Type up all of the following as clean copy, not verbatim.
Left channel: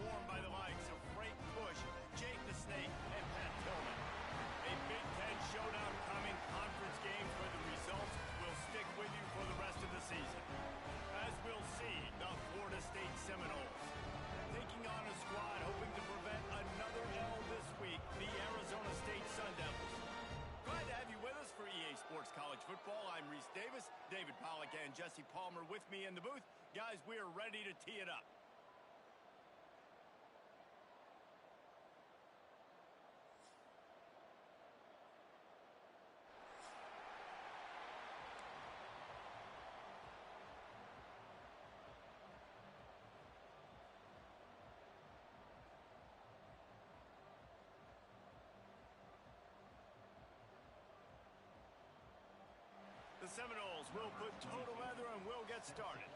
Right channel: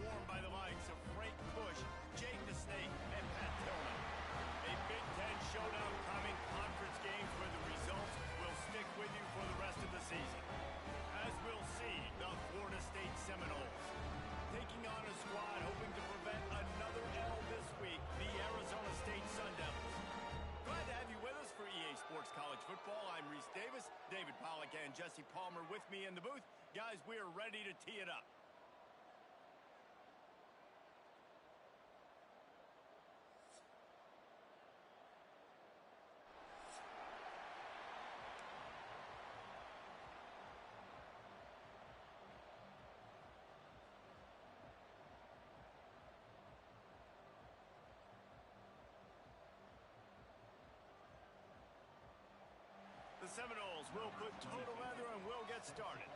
swarmed by the likes of Frank Bush, Jake the Snake, and Pat Tillman. A Big Ten showdown coming, conference games where the results will stick with you for the rest of the season. As we'll see, the Florida State Seminoles taking on a squad hoping to prevent another L this week, the Arizona State Sun Devils. Glad to have you with us for EA Sports College Football. I'm Reese Davis, David Pollack, and Jesse Palmer with me in the booth. Guys, we are ready to tee it up. The Seminoles will put total leather and we'll get started.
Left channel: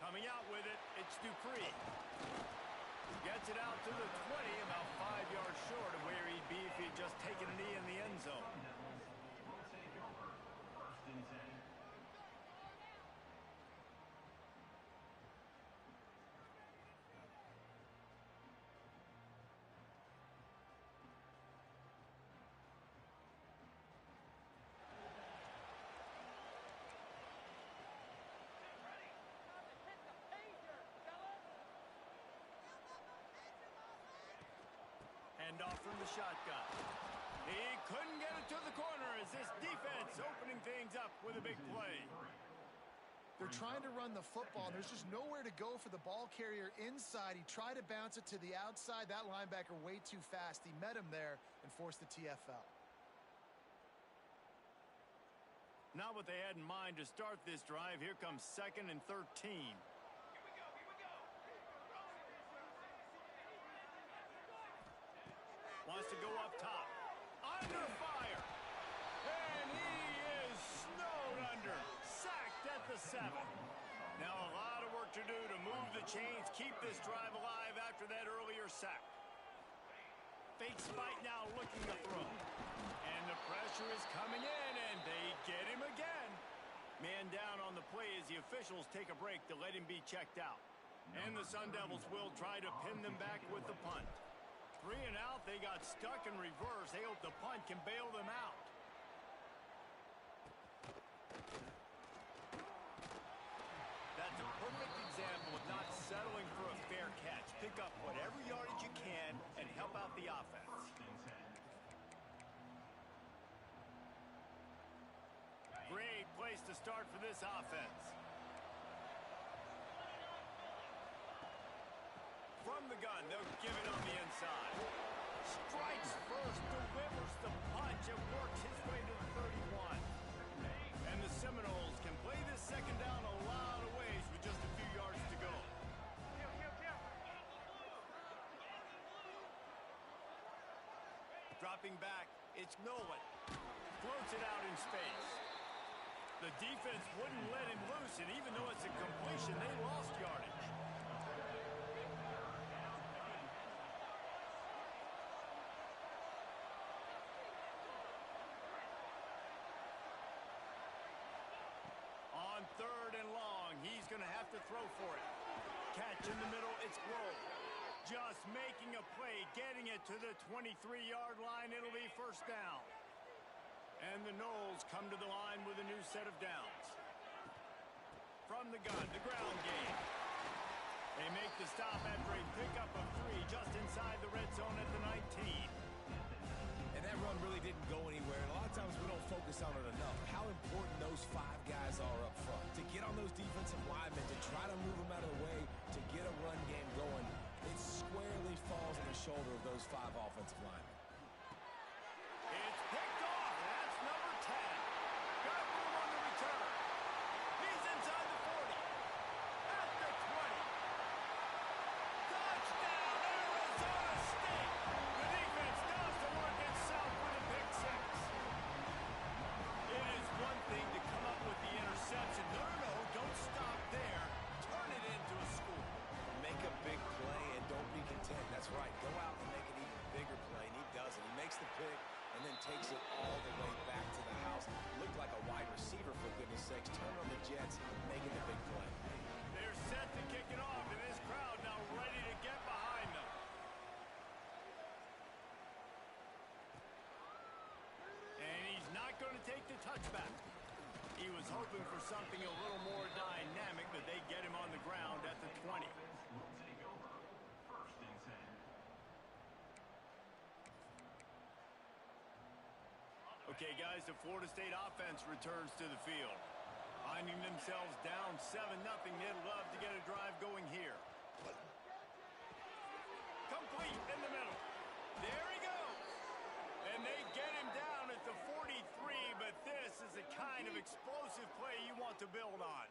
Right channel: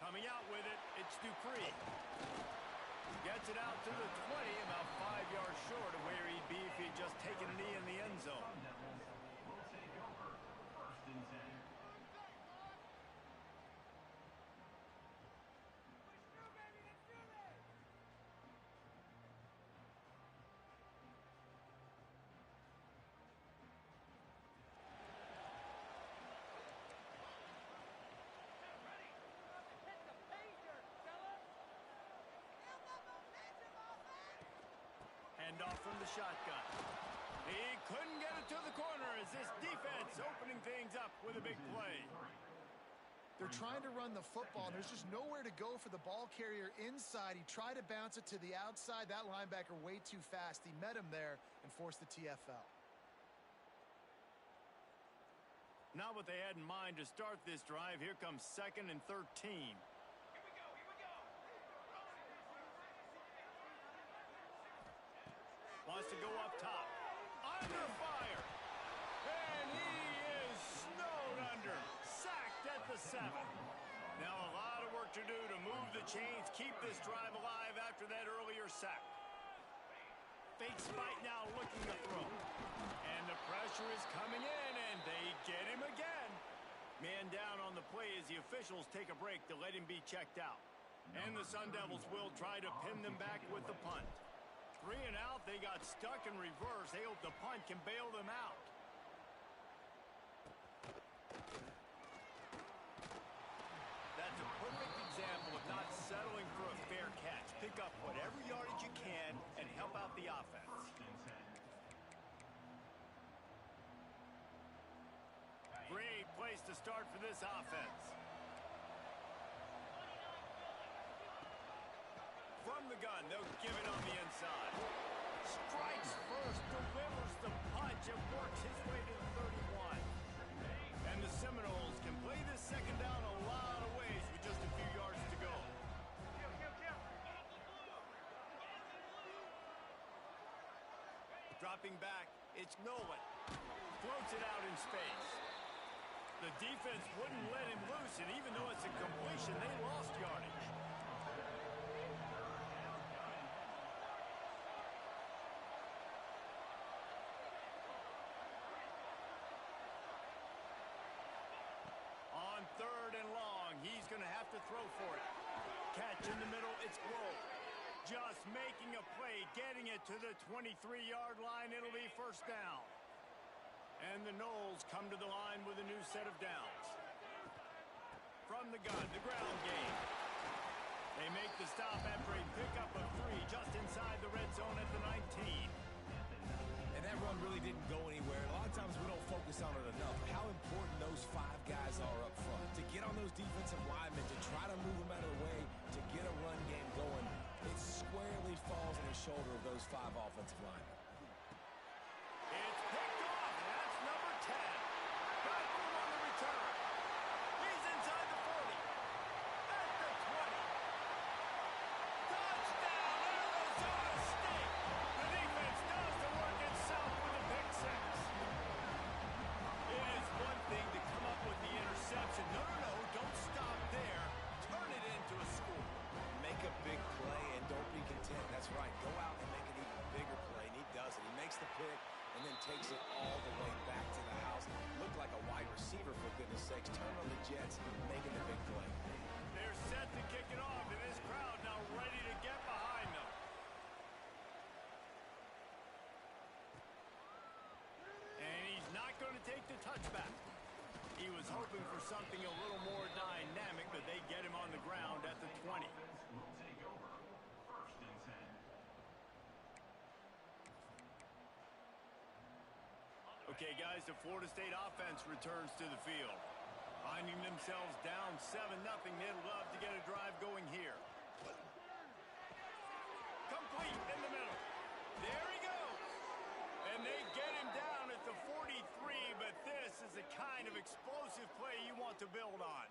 Coming out with it, it's Dupree. Gets it out to the 20, about 5 yards short of where he'd be if he'd just taken a knee in the end zone. Hand off from the shotgun. He couldn't get it to the corner as this defense opening things up with a big play. They're trying to run the football, and there's just nowhere to go for the ball carrier inside. He tried to bounce it to the outside. That linebacker way too fast. He met him there and forced the TFL. Not what they had in mind to start this drive. Here comes 2nd and 13. Wants to go up top. Under fire. And he is snowed under. Sacked at the 7. Now a lot of work to do to move the chains, keep this drive alive after that earlier sack. Fake spike now looking to throw. And the pressure is coming in, and they get him again. Man down on the play as the officials take a break to let him be checked out. And the Sun Devils will try to pin them back with the punt. 3 and out, they got stuck in reverse. They hope the punt can bail them out. That's a perfect example of not settling for a fair catch. Pick up whatever yardage you can and help out the offense. Great place to start for this offense. From the gun, they'll give it on the inside. Strikes first, delivers the punch, and works his way to the 31. And the Seminoles can play this second down a lot of ways with just a few yards to go. Dropping back, it's Nolan. Floats it out in space. The defense wouldn't let him loose, and even though it's a completion, they lost yardage. On 3rd and long, he's going to have to throw for it. Catch in the middle, it's Grove. Just making a play, getting it to the 23-yard line. It'll be first down. And the Noles come to the line with a new set of downs. From the gun, the ground game. They make the stop after a pickup of 3 just inside the red zone at the 19. And that run really didn't go anywhere. And a lot of times we don't focus on it enough. How important those 5 guys are up front. To get on those defensive linemen, to try to move them out of the way, to get a run game going, it squarely falls on the shoulder of those 5 offensive linemen. It's picked off. That's number 10. Got room on the return. He's inside the 40. At the 20. Touchdown, Arizona State. The defense does the work itself with a pick 6. It is one thing to come up with the interception. No, don't stop there. Turn it into a score. Make a big play and don't be content. That's right. Go out and make an even bigger play, and he does it. He makes the pick, and then takes it all the way back to the house. Looked like a wide receiver, for goodness sakes. Turn on the Jets, making the big play. They're set to kick it off, and this crowd now ready to get behind them. And he's not going to take the touchback. He was hoping for something a little more dynamic, but they get him on the ground at the 20. Okay, guys, the Florida State offense returns to the field. Finding themselves down 7-0, they'd love to get a drive going here. Complete in the middle. There he goes. And they get him down at the 43, but this is the kind of explosive play you want to build on.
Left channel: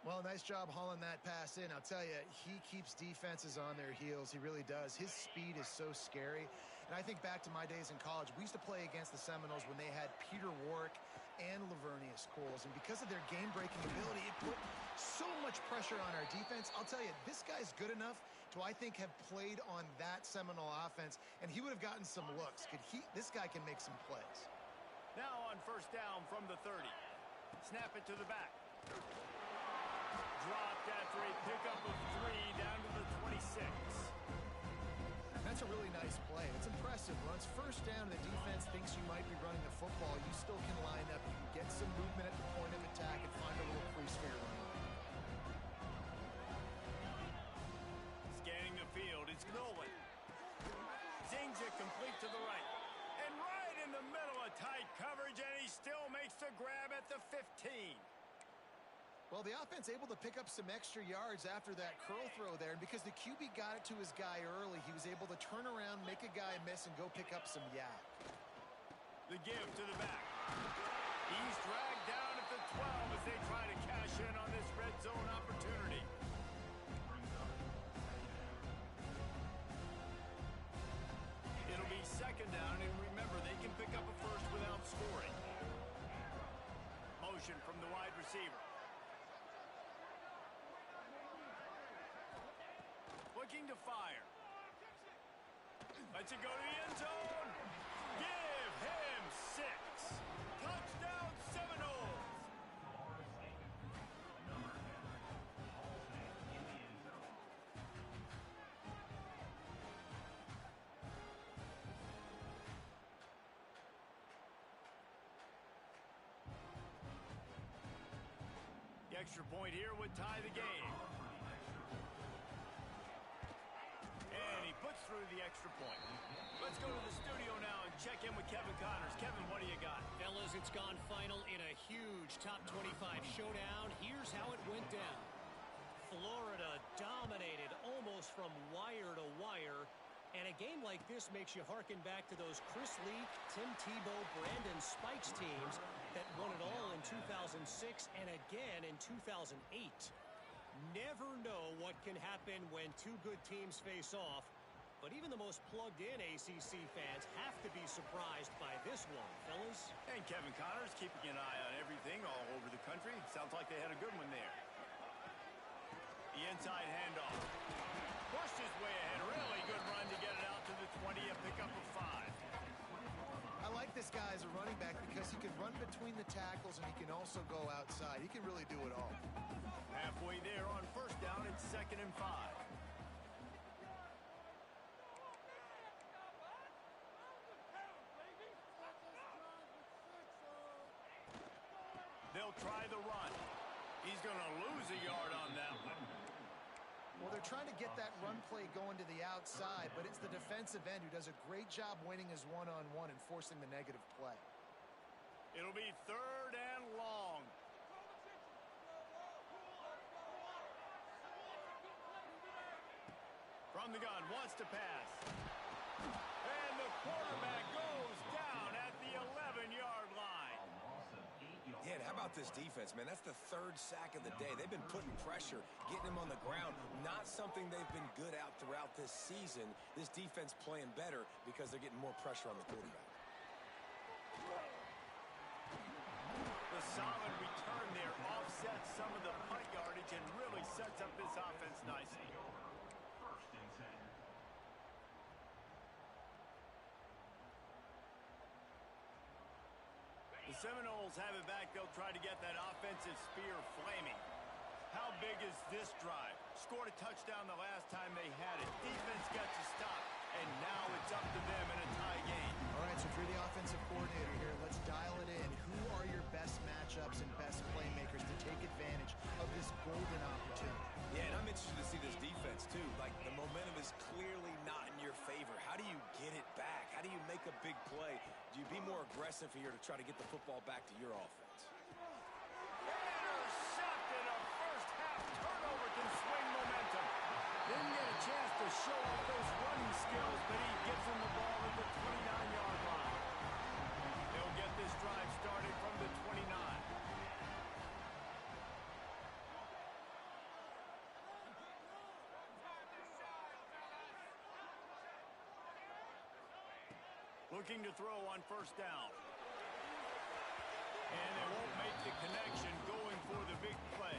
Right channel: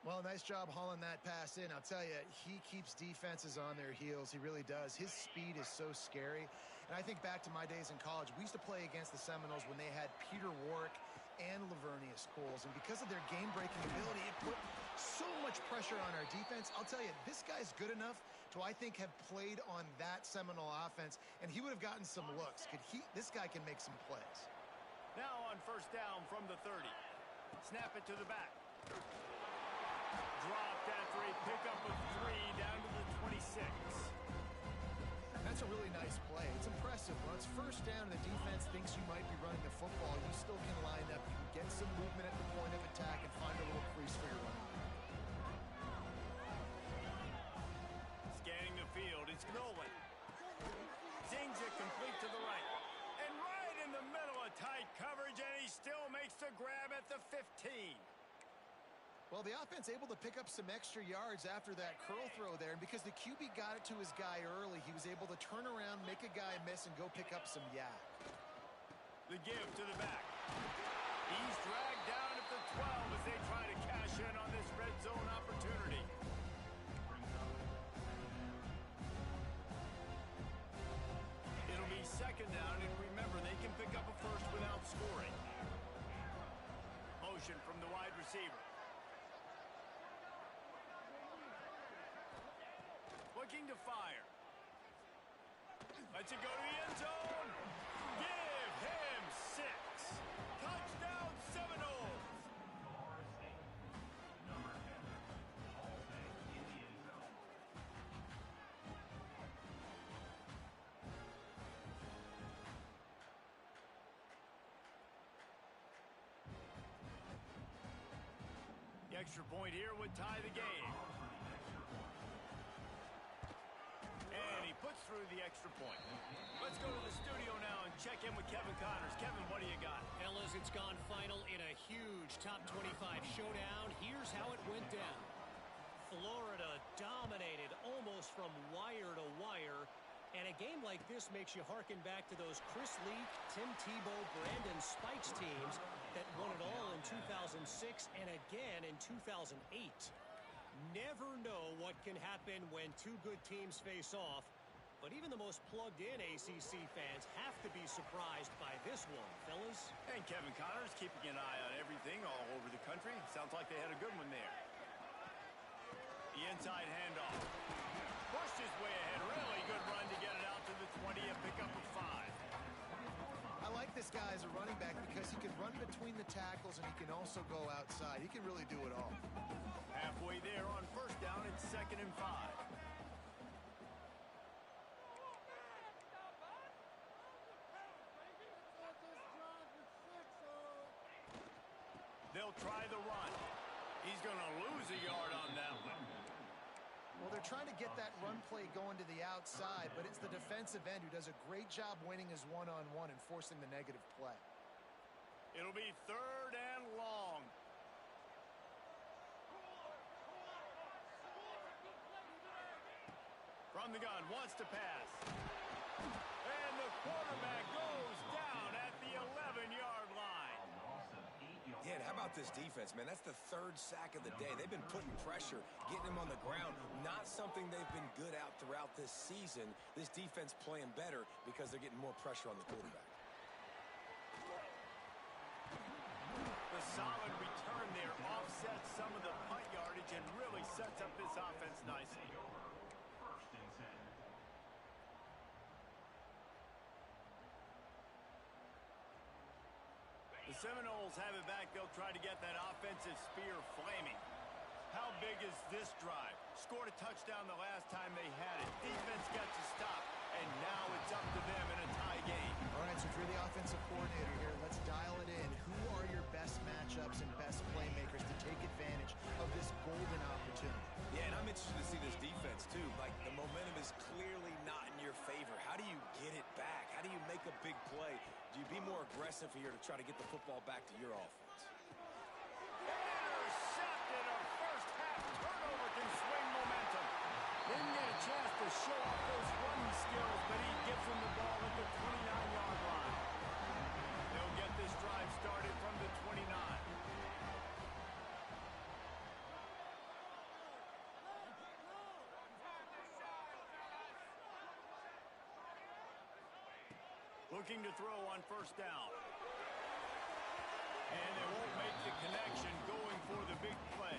Well, nice job hauling that pass in. I'll tell you, he keeps defenses on their heels. He really does. His speed is so scary. And I think back to my days in college. We used to play against the Seminoles when they had Peter Warrick and Lavernius Coles. And because of their game-breaking ability, it put so much pressure on our defense. I'll tell you, this guy's good enough to, I think, have played on that Seminole offense, and he would have gotten some looks. This guy can make some plays. Now on first down from the 30. Snap it to the back. Dropped after a pickup of 3 down to the 26. That's a really nice play. It's impressive. When it's first down and the defense thinks you might be running the football, you still can line up. You can get some movement at the point of attack and find a little crease for your running. Scanning the field, it's Nolan. Zings it complete to the right. And right in the middle of tight coverage, and he still makes the grab at the 15. Well, the offense able to pick up some extra yards after that curl throw there, and because the QB got it to his guy early, he was able to turn around, make a guy miss, and go pick up some yak. The give to the back. He's dragged down at the 12 as they try to cash in on this red zone opportunity. It'll be second down, and remember, they can pick up a first without scoring. Motion from the wide receiver. Looking to fire. Lets it go to the end zone. Give him 6. Touchdown Seminoles. The extra point here would tie the game. And he puts through the extra point. Let's go to the studio now and check in with Kevin Connors. Kevin, what do you got? Fellas, it's gone final in a huge top 25 showdown. Here's how it went down. Florida dominated almost from wire to wire. And a game like this makes you hearken back to those Chris Leak, Tim Tebow, Brandon Spikes teams that won it all in 2006 and again in 2008. Never know what can happen when two good teams face off, but even the most plugged-in ACC fans have to be surprised by this one, fellas. And Kevin Connors keeping an eye on everything all over the country. Sounds like they had a good one there. The inside handoff. Pushed his way ahead. Really good run to get it out to the 20, a pickup of 5. I like this guy as a running back because he can run between the tackles and he can also go outside. He can really do it all. Halfway there on first down, it's 2nd and 5. They'll try the run. He's going to lose a yard on that one. Well, they're trying to get that run play going to the outside, but it's the defensive end who does a great job winning his one-on-one and forcing the negative play. It'll be 3rd and long. From the gun, wants to pass. And the quarterback goes down at the 11-yard line. Yeah, and how about this defense, man? That's the 3rd sack of the day. They've been putting pressure, getting him on the ground. Not something they've been good at throughout this season. This defense playing better because they're getting more pressure on the quarterback. The solid return there offsets some of the punt yardage and really sets up this offense nicely. Seminoles have it back. They'll try to get that offensive spear flaming. How big is this drive? Scored a touchdown the last time they had it. Defense gets a stop, and now it's up to them in a tie game. All right, so if you're the offensive coordinator here, let's dial it in. Who are your best matchups and best playmakers to take advantage of this golden opportunity? Yeah, and I'm interested to see this defense, too. Like, the momentum is clearly not in your favor. How do you get it back? How do you make a big play? Do you be more aggressive here to try to get the football back to your offense? Intercepted. A first-half turnover can swing momentum. Didn't get a chance to show off those running skills, but he gives him the ball at the 29-yard line. They'll get this drive started from the 29. Looking to throw on first down. And they won't make the connection going for the big play.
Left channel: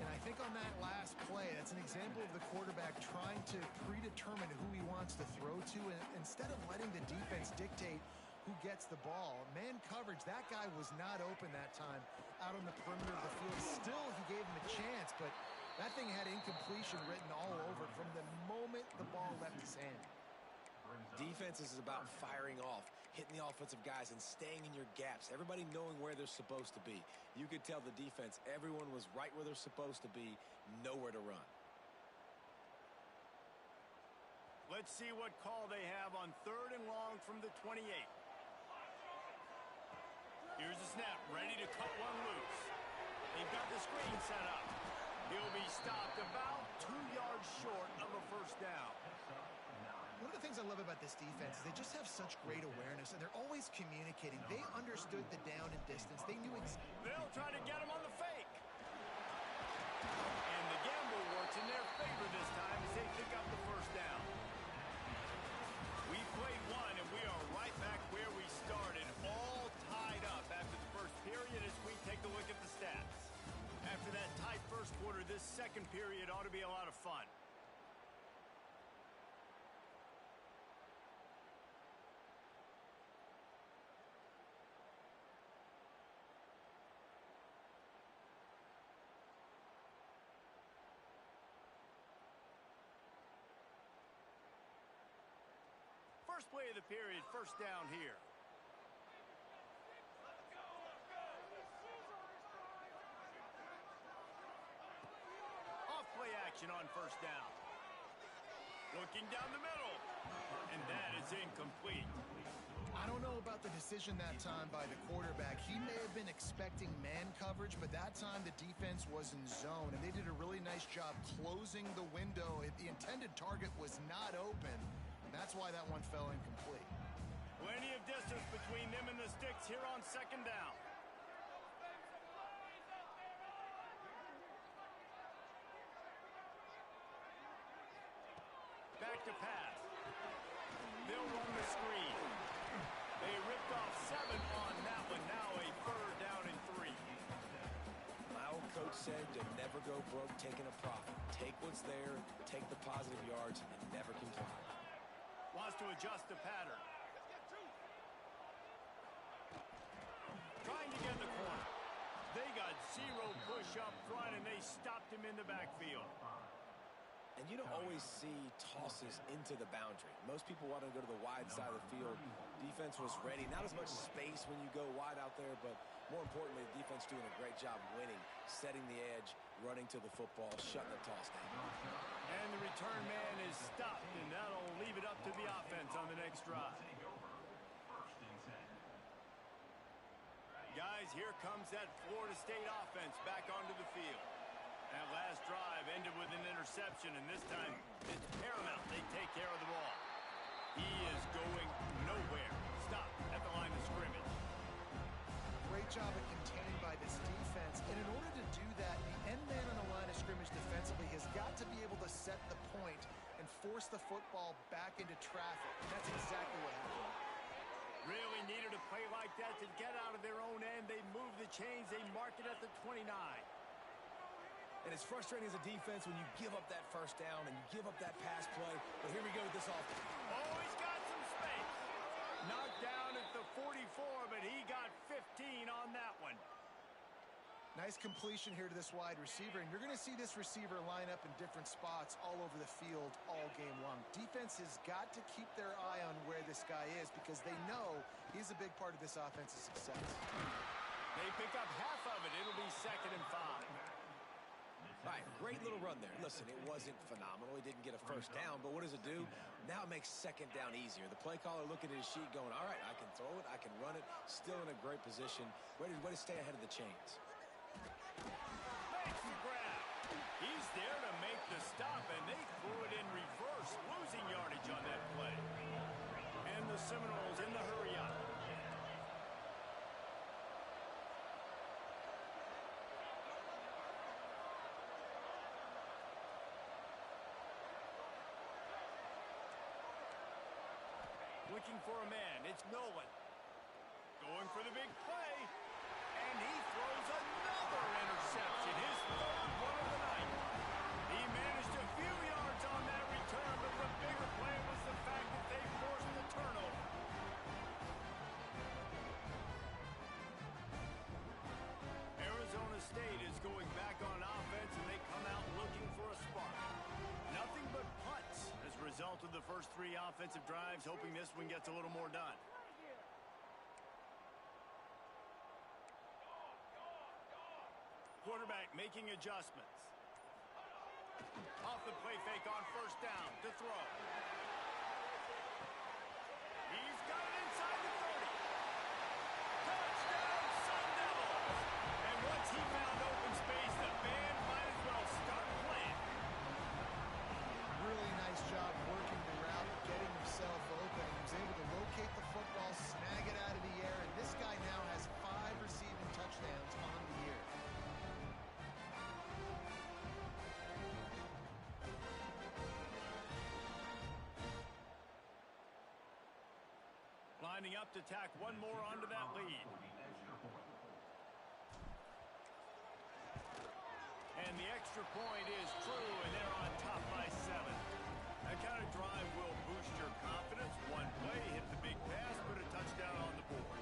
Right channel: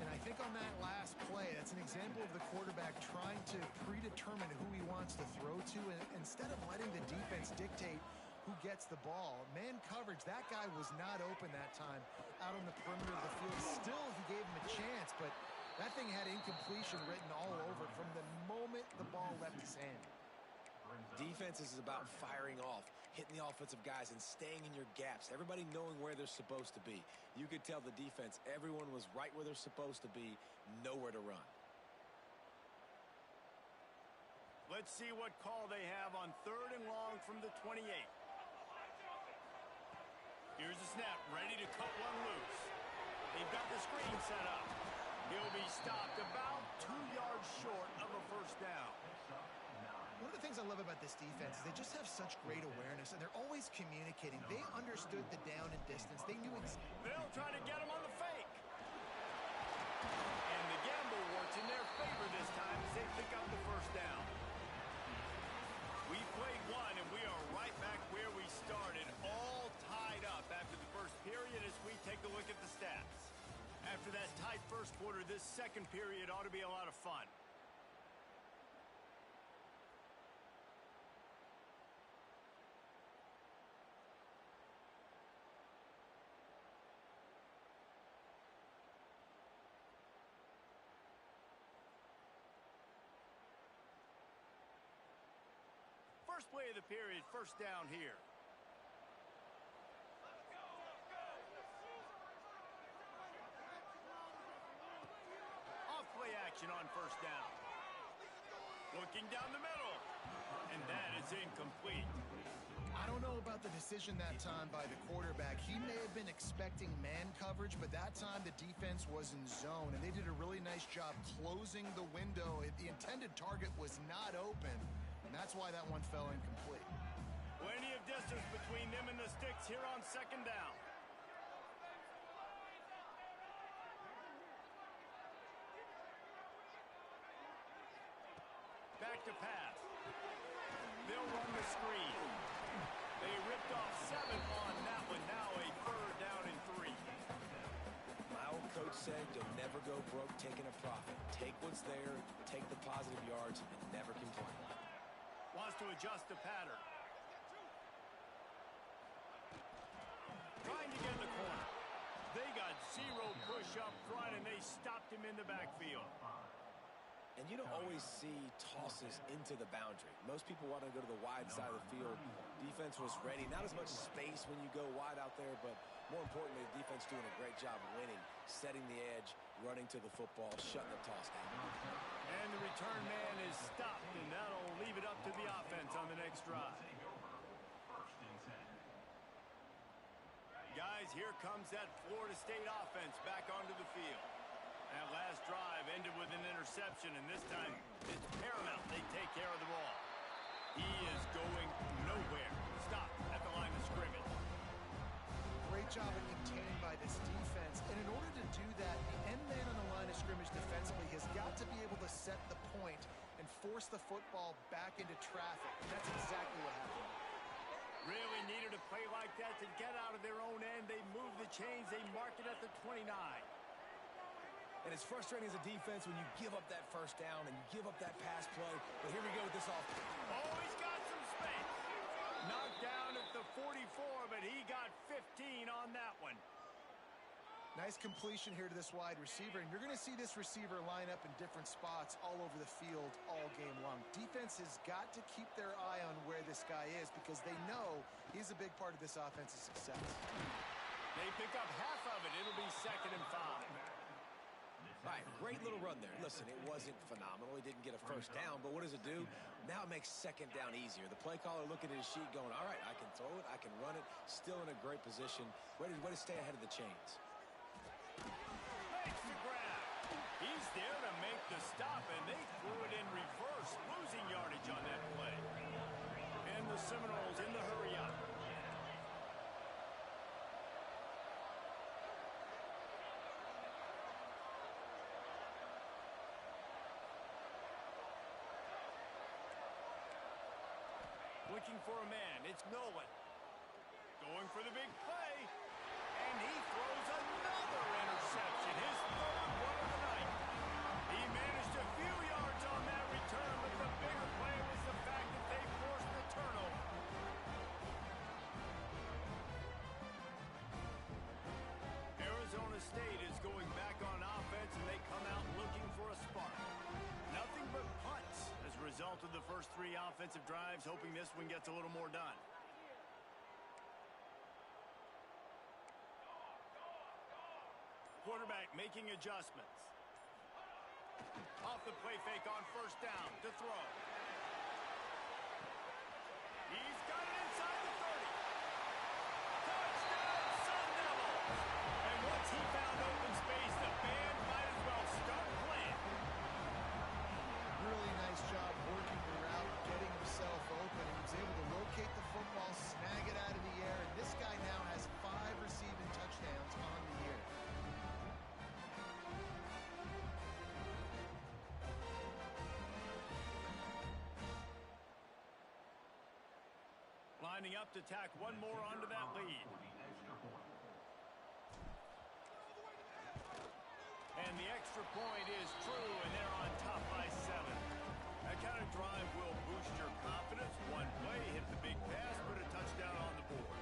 And I think on that last play, that's an example of the quarterback trying to predetermine who he wants to throw to, and instead of letting the defense dictate who gets the ball. Man coverage, that guy was not open that time out on the perimeter of the field. Still, he gave him a chance, but that thing had incompletion written all over it from the moment the ball left his hand. Defense is about firing off, hitting the offensive guys, and staying in your gaps. Everybody knowing where they're supposed to be. You could tell the defense, everyone was right where they're supposed to be, nowhere to run. Let's see what call they have on 3rd and long from the 28. Here's the snap, ready to cut one loose. They've got the screen set up. He'll be stopped about 2 yards short of a first down. One of the things I love about this defense is they just have such great awareness, and they're always communicating. They understood the down and distance. They knew They'll try to get him on the fake. And the gamble works in their favor this time as they pick up the first down. We played one, and we are right back where we started, all tied up after the first period as we take a look at the stats. After that tight first quarter, this second period ought to be a lot of fun. First play of the period, first down here. Off play action on first down. Looking down the middle. And that is incomplete. I don't know about the decision that time by the quarterback. He may have been expecting man coverage, but that time the defense was in zone, and they did a really nice job closing the window. The intended target was not open. And that's why that one fell incomplete. Plenty of distance between them and the sticks here on second down. Back to pass. They'll run the screen. They ripped off 7 on that one. Now a 3rd down and 3. My old coach said you'll never go broke taking a profit. Take what's there, take the positive yards, and never complain. Wants to adjust the pattern. Trying to get in the corner. They got 0 push up front, and they stopped him in the backfield. And you don't always see tosses into the boundary. Most people want to go to the wide side of the field. Defense was ready. Not as much space when you go wide out there, but more importantly, the defense doing a great job winning, setting the edge, running to the football, shutting the toss down. And the return man is stopped, and that'll leave it up to the offense on the next drive. Guys, here comes that Florida State offense back onto the field. That last drive ended with an interception, and this time it's paramount they take care of the ball. He is going nowhere. Stop at the line of scrimmage. Great job at contained by this defense. And in order to do that, the end man on the line of scrimmage defensively has got to be able to set the point and force the football back into traffic. And that's exactly what happened. Really needed a play like that to get out of their own end. They move the chains. They mark it at the 29. And it's frustrating as a defense when you give up that first down and you give up that pass play. But here we go with this offense. Oh, he's got some space. Knocked down at the the 44, but he got 15 on that one. Nice completion here to this wide receiver, and you're going to see this receiver line up in different spots all over the field all game long. Defense has got to keep their eye on where this guy is because they know he's a big part of this offense's success. They pick up half of it. It'll be 2nd and 5. All right, great little run there. Listen, it wasn't phenomenal. He didn't get a first down, but what does it do? Now it makes 2nd down easier. The play caller looking at his sheet going, all right, I can throw it, I can run it, still in a great position. Way to stay ahead of the chains. Makes the grab. He's there to make the stop, and they threw it in reverse, losing yardage on that play. And the Seminoles in the hurry up. Looking for a man. It's Nolan. Going for the big play. And he throws another interception. His 3rd one of the night. He managed a few yards on that return, but the bigger play was the fact that they forced the turnover. Arizona State is going back on offense, and they come out looking for a spark. Nothing but punts as a result of the first 3 offensive drives, hoping this one gets a little more done. Quarterback making adjustments. Off the play fake on 1st down to throw. He's got it inside the 30. Touchdown, Sun Devils! And once he found open space, the band might as well start playing. Really nice job working the route, getting himself open. He was able to locate the football, snag it out of the air, and this guy now has 5 receiving touchdowns on the year. Lining up to tack one more onto that lead. And the extra point is true, and they're on top by 7. That kind of drive will boost your confidence. One play, hit the big pass, put a touchdown on the board.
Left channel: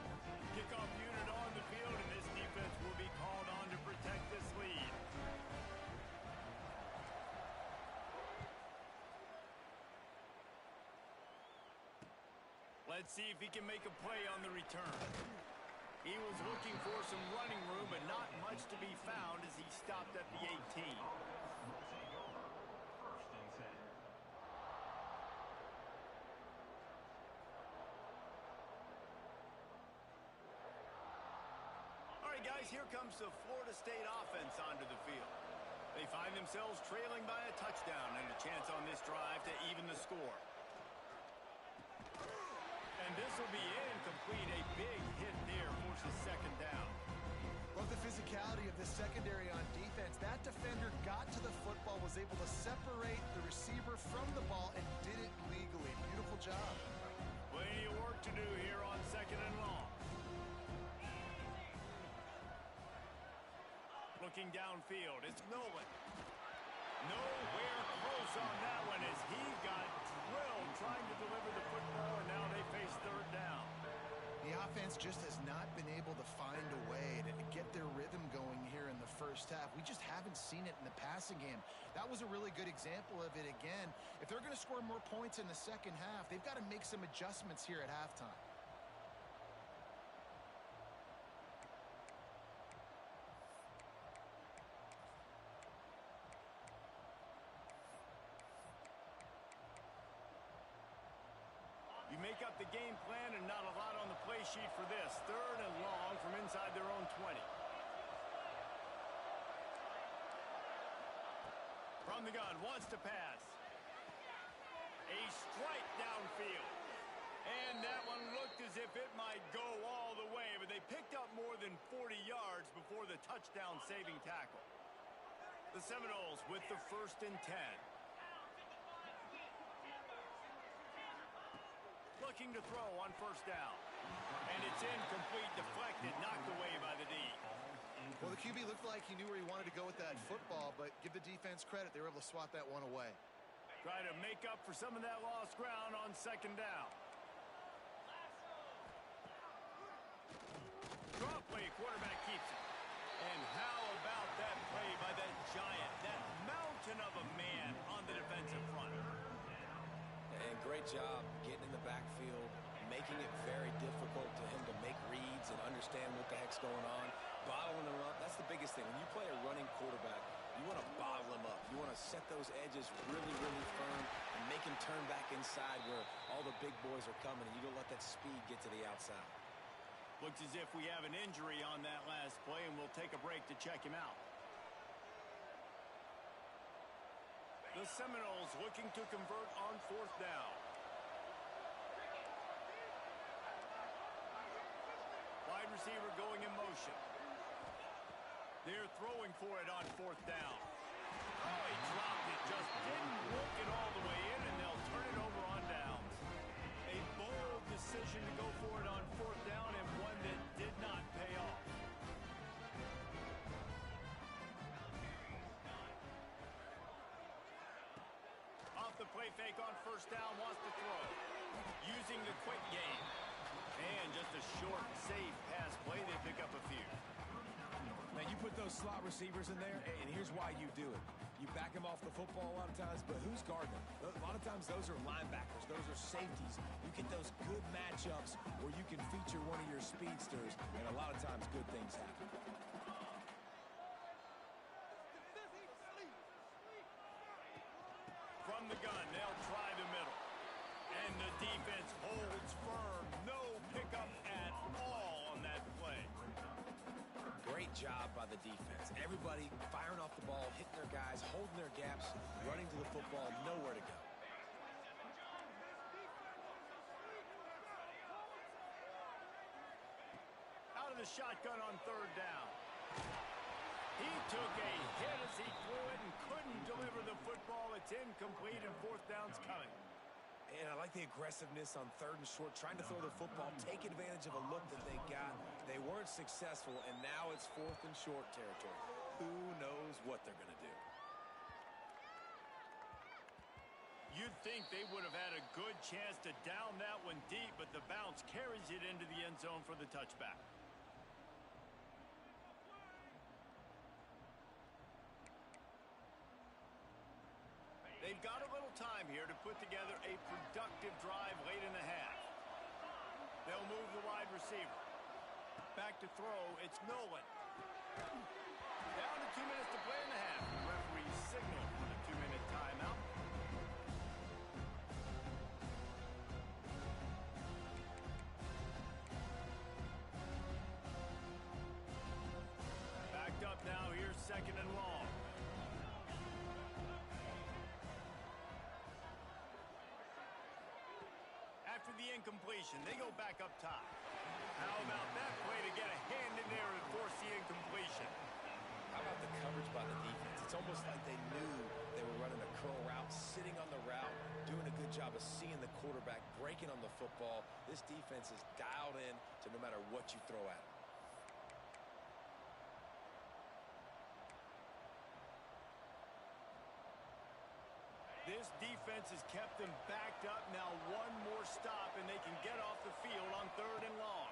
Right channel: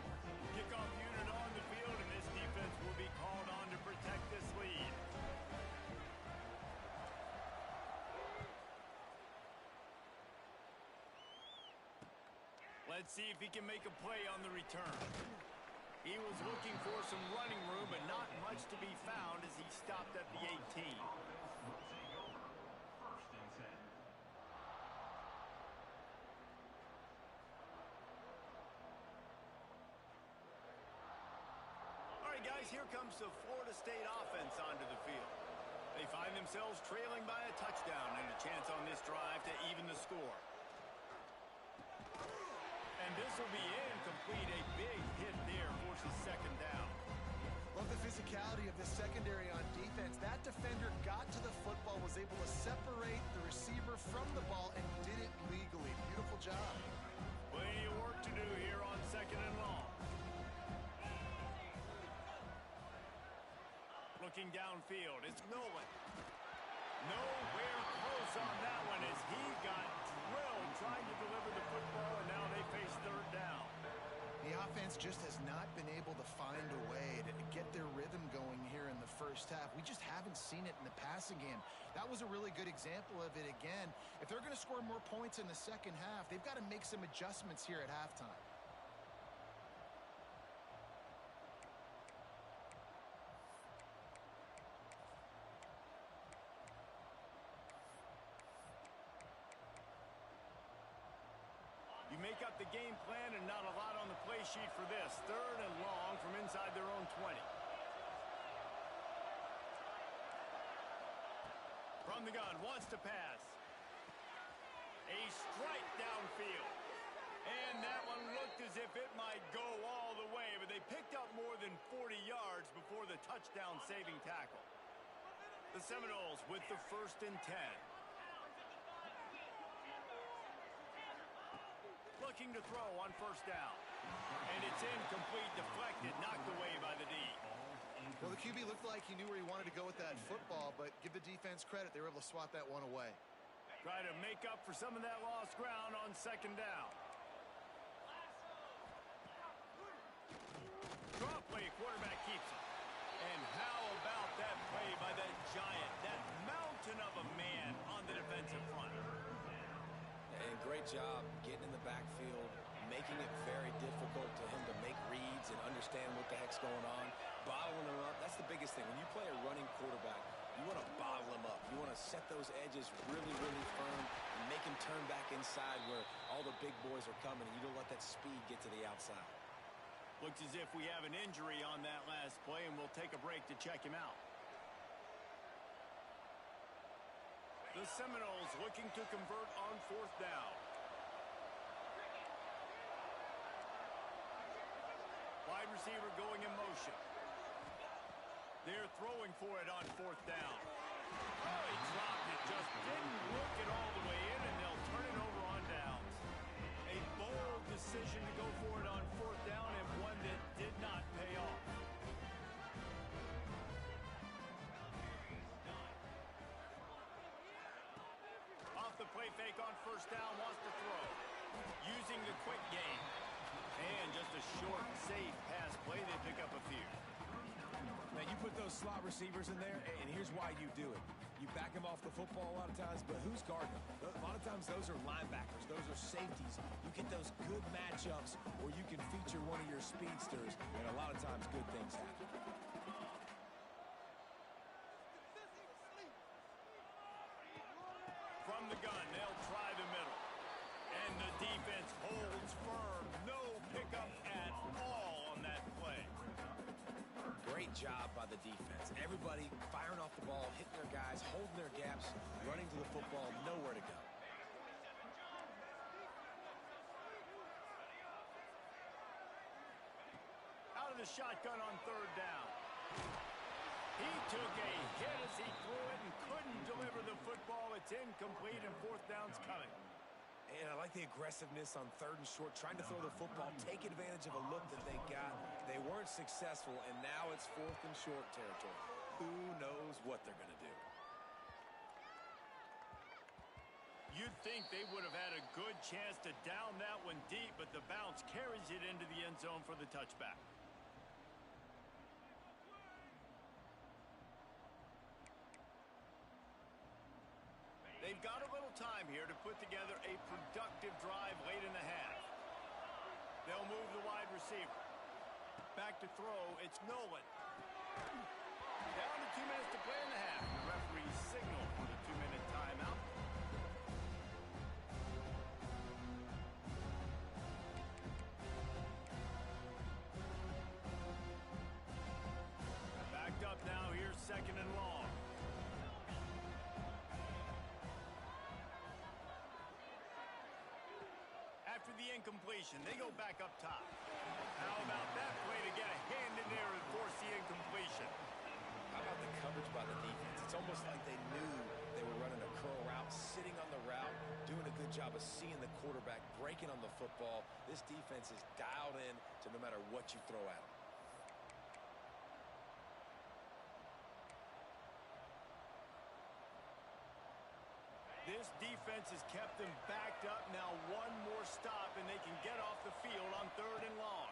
Kickoff unit on the field, and this defense will be called on to protect this lead. Let's see if he can make a play on the return. He was looking for some running room, but not much to be found as he stopped at the 18. All right, guys, here comes the Florida State offense onto the field. They find themselves trailing by a touchdown and a chance on this drive to even the score. And this will be incomplete. A big hit there forces 2nd down. Love the physicality of this secondary on defense. That defender got to the football, was able to separate the receiver from the ball, and did it legally. Beautiful job. Plenty of work to do here on 2nd and long. Looking downfield, it's Nolan. Nowhere close on that one as he got drilled trying to deliver the football, and now they face 3rd down. The offense just has not been able to find a way to get their rhythm going here in the first half. We just haven't seen it in the passing game. That was a really good example of it again. If they're going to score more points in the second half, they've got to make some adjustments here at halftime. You make up the game plan and not a lot on the play sheet for this. 3rd and long from inside their own 20. From the gun, wants to pass. A strike downfield. And that one looked as if it might go all the way, but they picked up more than 40 yards before the touchdown saving tackle. The Seminoles with the 1st and 10. Looking to throw on 1st down. And it's incomplete, deflected, knocked away by the D. Well, the QB looked like he knew where he wanted to go with that football, but give the defense credit. They were able to swat that one away. Try to make up for some of that lost ground on 2nd down. that play by that giant, that mountain of a man on the defensive front. And great job getting in the backfield, making it very difficult to him to make reads and understand what the heck's going on, bottling them up. That's the biggest thing. When you play a running quarterback, you want to bottle him up. You want to set those edges really, really firm and make him turn back inside where all the big boys are coming, and you don't let that speed get to the outside. Looks as if we have an injury on that last play, and we'll take a break to check him out. The Seminoles looking to convert on 4th down. Wide receiver going in motion. They're throwing for it on 4th down. Oh, he dropped it. Just didn't look it all the way in, and they'll turn it over on downs. A bold decision to go for it on 4th down, and one that did not pay off. Off the play fake on 1st down, wants to throw. Using the quick game. And just a short, safe pass play, they pick up a few. Now, you put those slot receivers in there, and here's why you do it. You back them off the football a lot of times, but who's guarding them? A lot of times those are linebackers. Those are safeties. You get those good matchups where you can feature one of your speedsters, and a lot of times good things happen. From the gun, they'll try the middle. And the defense holds firm. No pickup at all on that play. Great job by the defense. Everybody firing off the ball, hitting their guys, holding their gaps, running to the football, nowhere to go. Out of the shotgun on 3rd down. He took a hit as he threw it and couldn't deliver the football. It's incomplete, and 4th down's coming. And I like the aggressiveness on 3rd and short, trying to throw the football, take advantage of a look that they got. They weren't successful, and now it's 4th and short territory. Who knows what they're going to do? You'd think they would have had a good chance to down that one deep, but the bounce carries it into the end zone for the touchback. They've got a little time here to put together a productive drive late in the half. They'll move the wide receiver. Back to throw, it's Nolan. Down to 2 minutes to play in the half. The referee signaled for the 2-minute timeout. Backed up now, here's 2nd and long. After the incompletion, they go back up top. How about that play to get a hand in there and force the incompletion? How about the coverage by the defense? It's almost like they knew they were running a curl route, sitting on the route, doing a good job of seeing the quarterback, breaking on the football. This defense is dialed in to no matter what you throw at them. This defense has kept them backed up. Now one more stop, and they can get off the field on 3rd and long.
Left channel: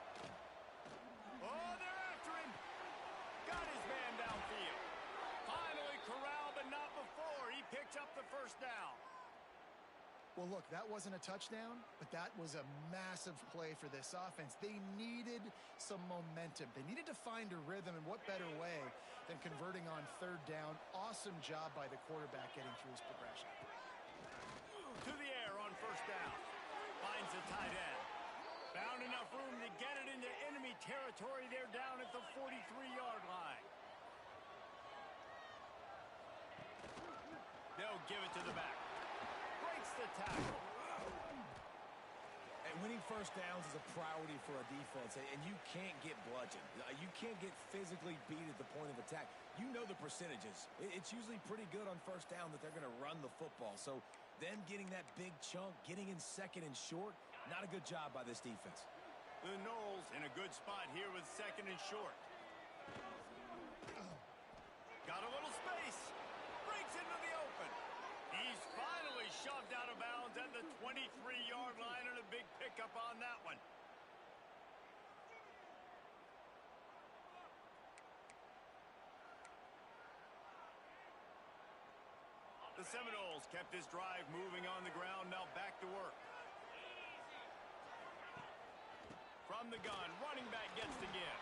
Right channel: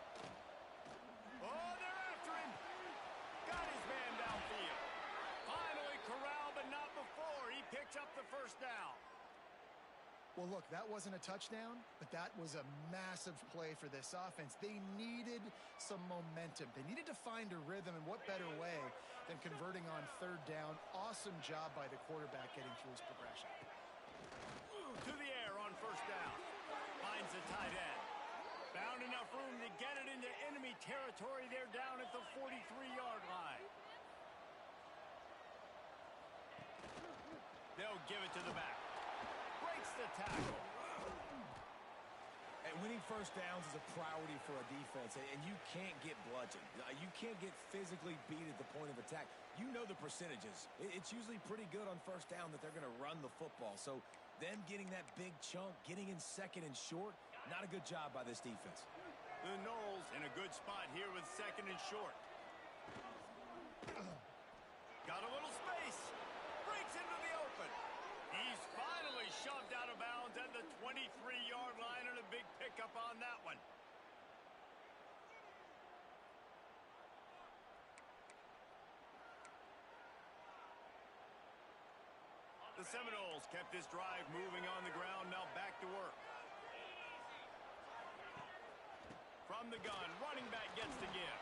Oh, they're after him. Got his man downfield. Finally corralled, but not before. He picks up the 1st down. Well, look, that wasn't a touchdown, but that was a massive play for this offense. They needed some momentum. They needed to find a rhythm, and what better way than converting on 3rd down. Awesome job by the quarterback getting through his progression. To the air on 1st down. Finds the tight end. Found enough room to get it into enemy territory. They're down at the 43-yard line. They'll give it to the back. Breaks the tackle. And winning 1st downs is a priority for a defense, and you can't get bludgeoned. You can't get physically beat at the point of attack. You know the percentages. It's usually pretty good on 1st down that they're going to run the football. So them getting that big chunk, getting in 2nd and short, not a good job by this defense. The Noles in a good spot here with 2nd and short. Got a little space. Breaks into the open. He's finally shoved out of bounds at the 23-yard line, and a big pickup on that one. Seminoles kept this drive moving on the ground. Now back to work. From the gun, running back gets the give.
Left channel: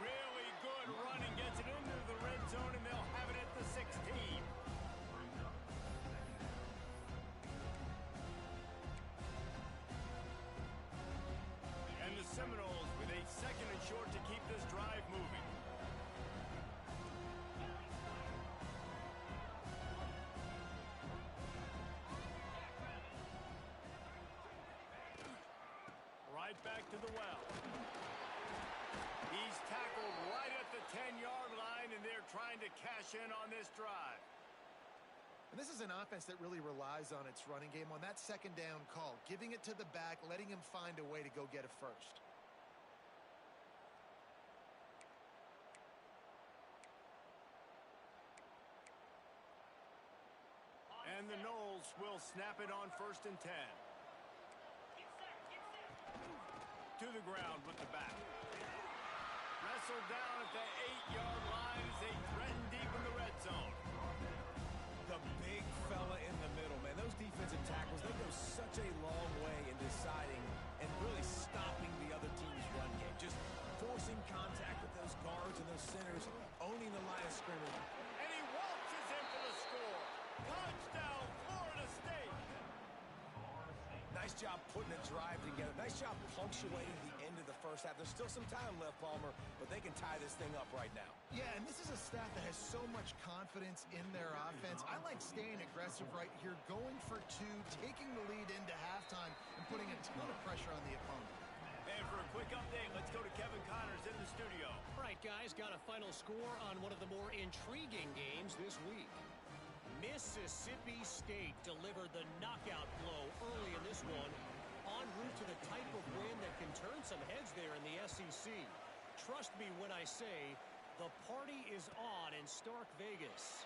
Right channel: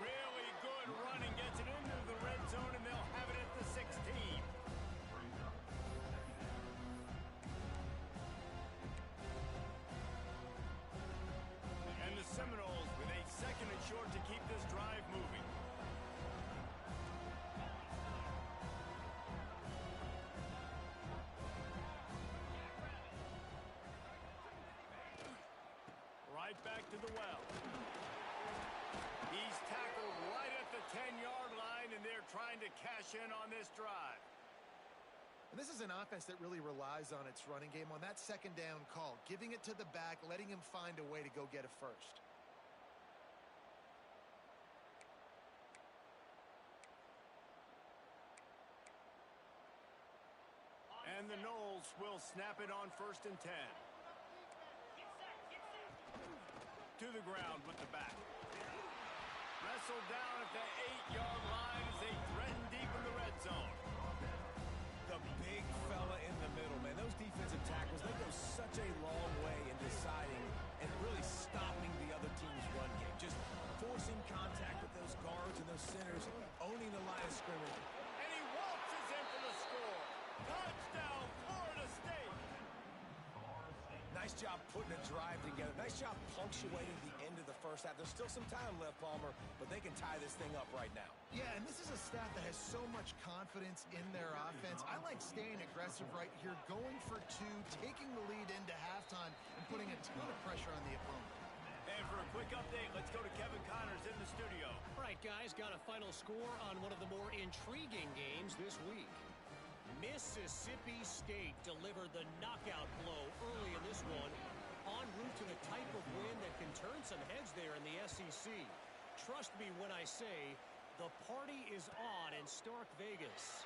Really good running, gets it into the red zone, and they'll have it at the 16. And the Seminoles with a 2nd and short to keep this drive moving. Right back to the well. He's tackled right at the 10-yard line, and they're trying to cash in on this drive. And this is an offense that really relies on its running game on that 2nd down call, giving it to the back, letting him find a way to go get a first. And the Noles will snap it on 1st and 10. To the ground with the back. Wrestled down at the 8-yard line as they threaten deep in the red zone. The big fella in the middle, man. Those defensive tackles, they go such a long way in deciding and really stopping the other team's run game. Just forcing contact with those guards and those centers, owning the line of scrimmage. And he waltzes in for the score. Touchdown, Florida State. Nice job putting a drive together. Nice job punctuating the end of the first half. There's still some time left, Palmer, but they can tie this thing up right now. Yeah, and this is a staff that has so much confidence in their offense. I like staying aggressive right here, going for 2, taking the lead into halftime, and putting a ton of pressure on the opponent. And for a quick update, let's go to Kevin Connors in the studio. All right, guys, got a final score on one of the more intriguing games this week. Mississippi State delivered the knockout blow early in this one, en route to the type of win that can turn some heads there in the SEC. Trust me when I say the party is on in Stark Vegas.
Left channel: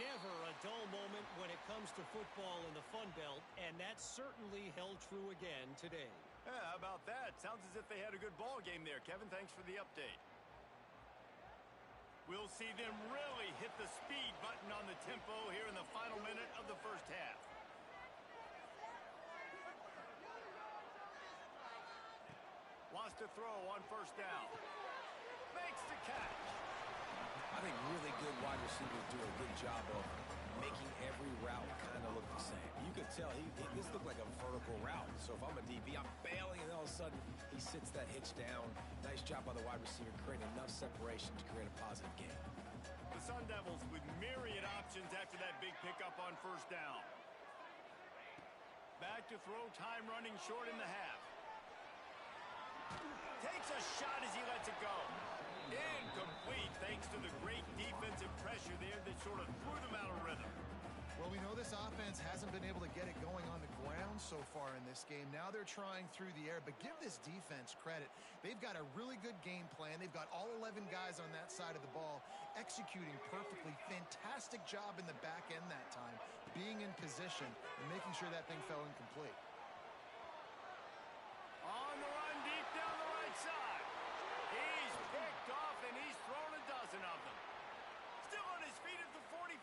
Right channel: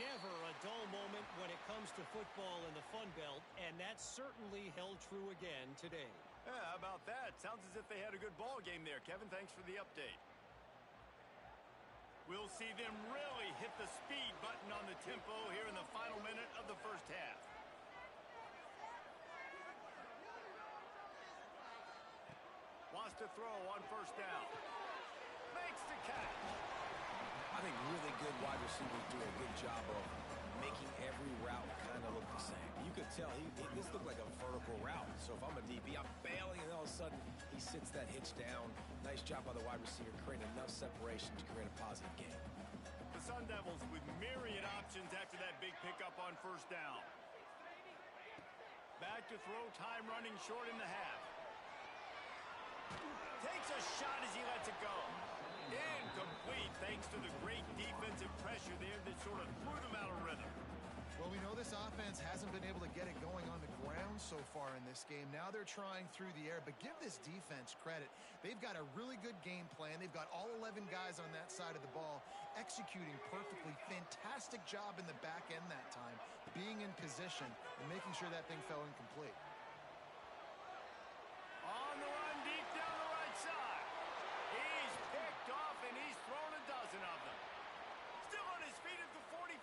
Never a dull moment when it comes to football in the Fun Belt, and that certainly held true again today. Yeah, how about that? Sounds as if they had a good ball game there. Kevin, thanks for the update. We'll see them really hit the speed button on the tempo here in the final minute of the first half. Wants to throw on 1st down. Makes the catch. I think really good wide receivers do a good job of making every route kind of look the same. You could tell this looked like a vertical route. So if I'm a DB, I'm bailing, and all of a sudden he sits that hitch down. Nice job by the wide receiver, creating enough separation to create a positive gain. The Sun Devils with myriad options after that big pickup on 1st down. Back to throw, time running short in the half. Takes a shot as he lets it go. Incomplete thanks to the great defensive pressure there that sort of threw them out of rhythm. Well, we know this offense hasn't been able to get it going on the ground so far in this game. Now they're trying through the air, but give this defense credit. They've got a really good game plan. They've got all 11 guys on that side of the ball executing perfectly. Fantastic job in the back end that time, being in position and making sure that thing fell incomplete. On the run deep down the right side. He's picked off and he's thrown a dozen of them. Still on his feet at the 45.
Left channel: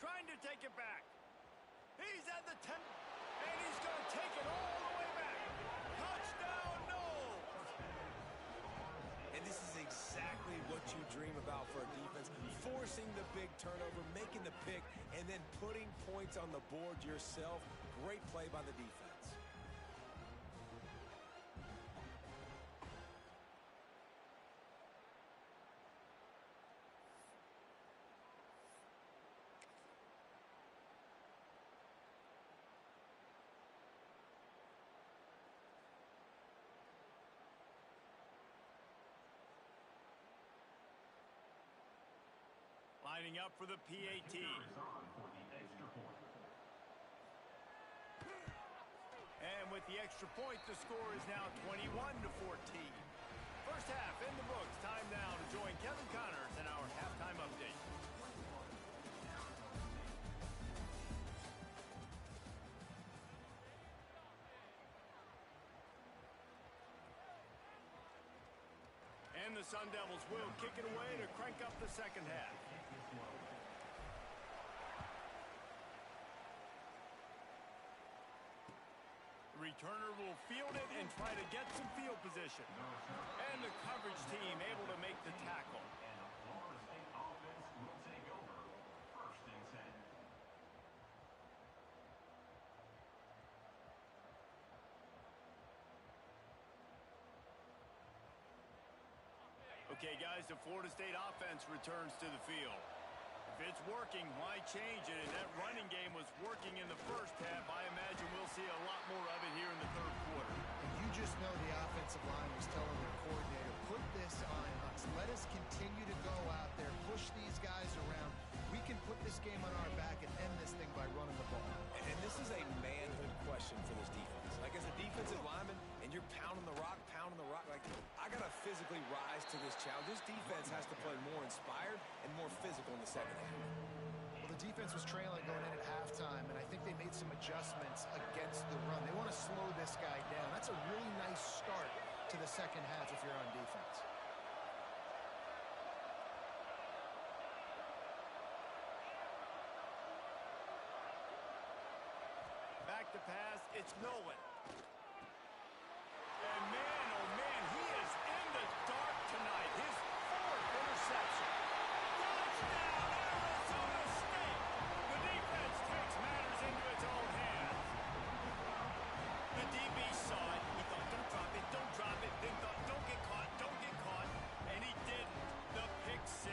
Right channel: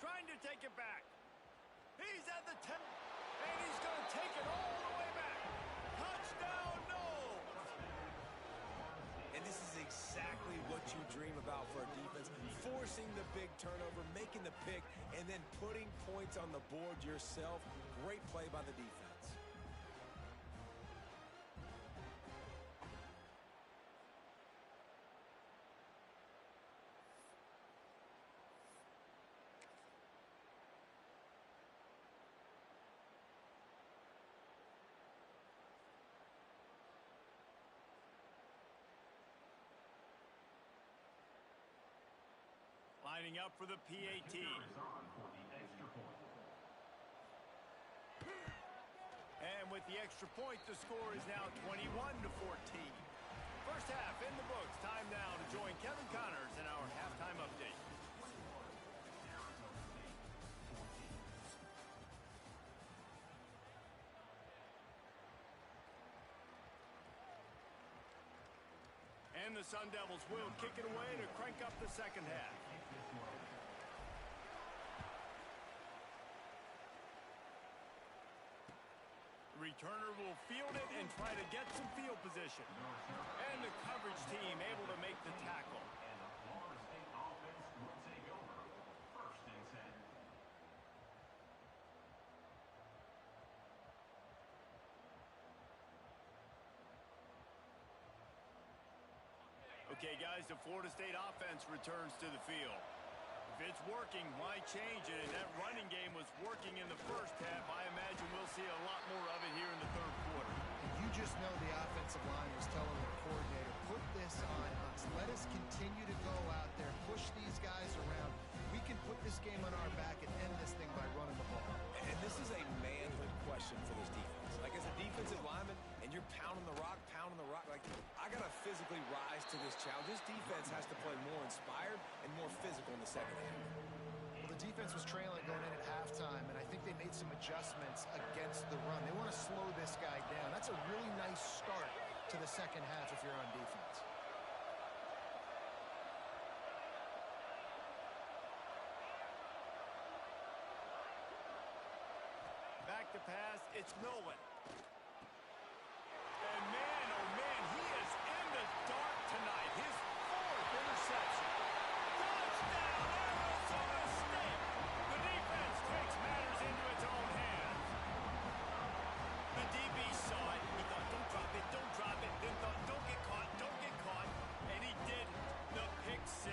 Trying to take it back. He's at the 10. And he's going to take it all the way back. Touchdown, no! And this is exactly what you dream about for a defense. Forcing the big turnover, making the pick, and then putting points on the board yourself. Great play by the defense. Lining up for the PAT. And with the extra point, the score is now 21-14. First half in the books. Time now to join Kevin Connors in our halftime update. And the Sun Devils will kick it away to crank up the second half. returner will field it and try to get some field position. And the coverage team able to make the tackle. And the Florida State offense will take over 1st and 10. Okay, guys, the Florida State offense returns to the field. If it's working, why change it? And that running game was working in the first half. I imagine we'll see a lot more of it here in the 3rd quarter. And you just know the offensive line was telling their coordinator, put this on us. Let us continue to go out there, push these guys around. We can put this game on our back and end this thing by running the ball. And this is a manhood question for this defense. Like, as a defensive lineman, and you're pounding the rock, like, I got to physically rise to this challenge. This defense has to play more inspired and more physical in the 2nd half. Well, the defense was trailing going in at halftime, and I think they made some adjustments against the run. They want to slow this guy down. That's a really nice start to the 2nd half if you're on defense. Back to pass, it's Nolan. And man, oh man, he is in the dark tonight. His 4th interception. Touchdown, Arizona State! The defense takes matters into its own hands. The DB saw it. He thought, don't drop it, don't drop it. Then thought, don't get caught, don't get caught. And he didn't. The pick 6.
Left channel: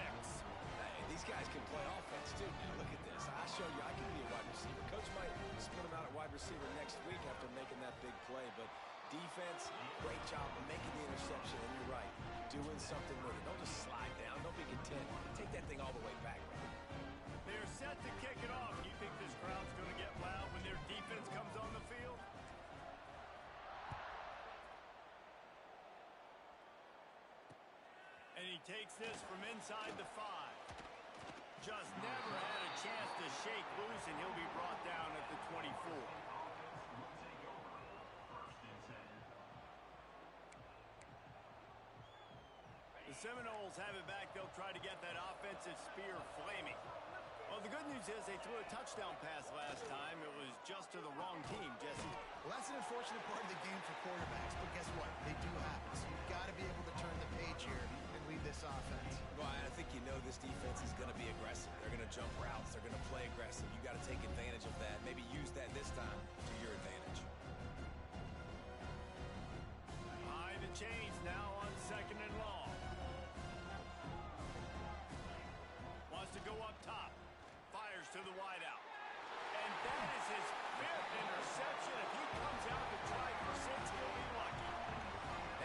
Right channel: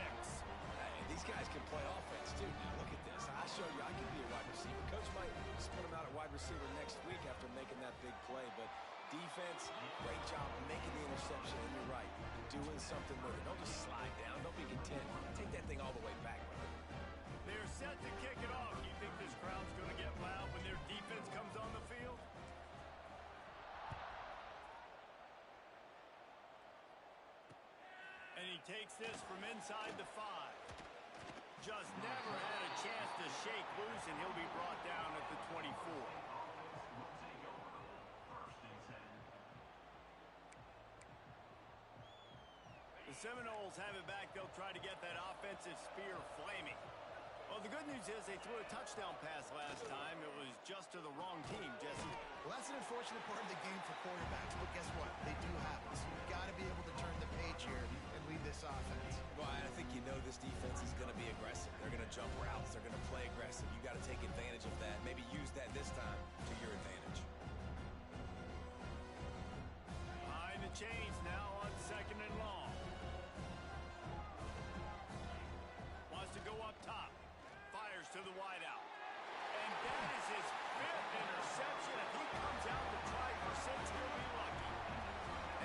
Hey, these guys can play offense, too. Now, look at this. I show you I can be a wide receiver. Coach might split him out at wide receiver next week after making that big play, but defense, great job making the interception, and you're right, doing something with it. Don't just slide down. Don't be content. Take that thing all the way back, brother. They're set to kick it off. Do you think this crowd's going to get loud when their defense comes on the field? And he takes this from inside the 5. Just never had a chance to shake loose, and he'll be brought down at the 24. The Seminoles have it back. They'll try to get that offensive spear flaming. Well, the good news is they threw a touchdown pass last time. It was just to the wrong team, Jesse. Well, that's an unfortunate part of the game for quarterbacks, but guess what? They do happen. So you've got to be able to turn the page here and lead this offense. Well, I think you know this defense is going to be aggressive. They're going to jump routes. They're going to play aggressive. You got to take advantage of that. Maybe use that this time to your advantage. Behind the chains now on 2nd and long. Wants to go up top. Fires to the wideout. And that is his 5th interception. If he comes out to try for 6, he'll be lucky.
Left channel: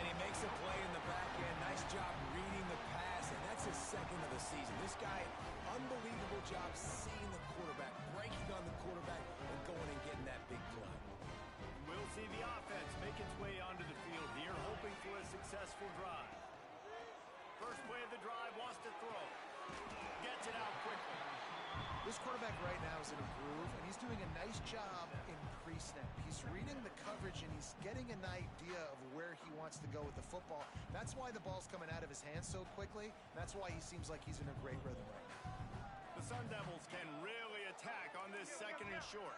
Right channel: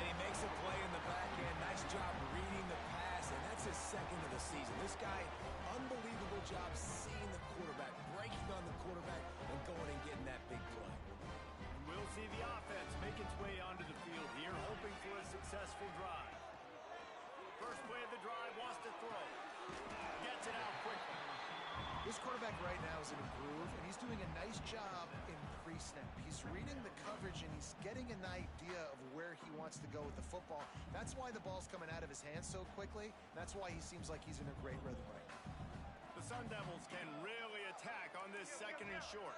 And he makes a play in the back end. Nice job reading the pass, and that's his 2nd of the season. This guy, unbelievable job seeing the quarterback, breaking on the quarterback, and going and getting that big play. We'll see the offense make its way onto the field here, hoping for a successful drive. First play of the drive, wants to throw. Gets it out quickly. This quarterback right now is in a groove, and he's doing a nice job in pre-snap. He's reading the coverage, and he's getting an idea of where he wants to go with the football. That's why the ball's coming out of his hands so quickly. That's why he seems like he's in a great rhythm right now. The Sun Devils can really attack on this 2nd and short.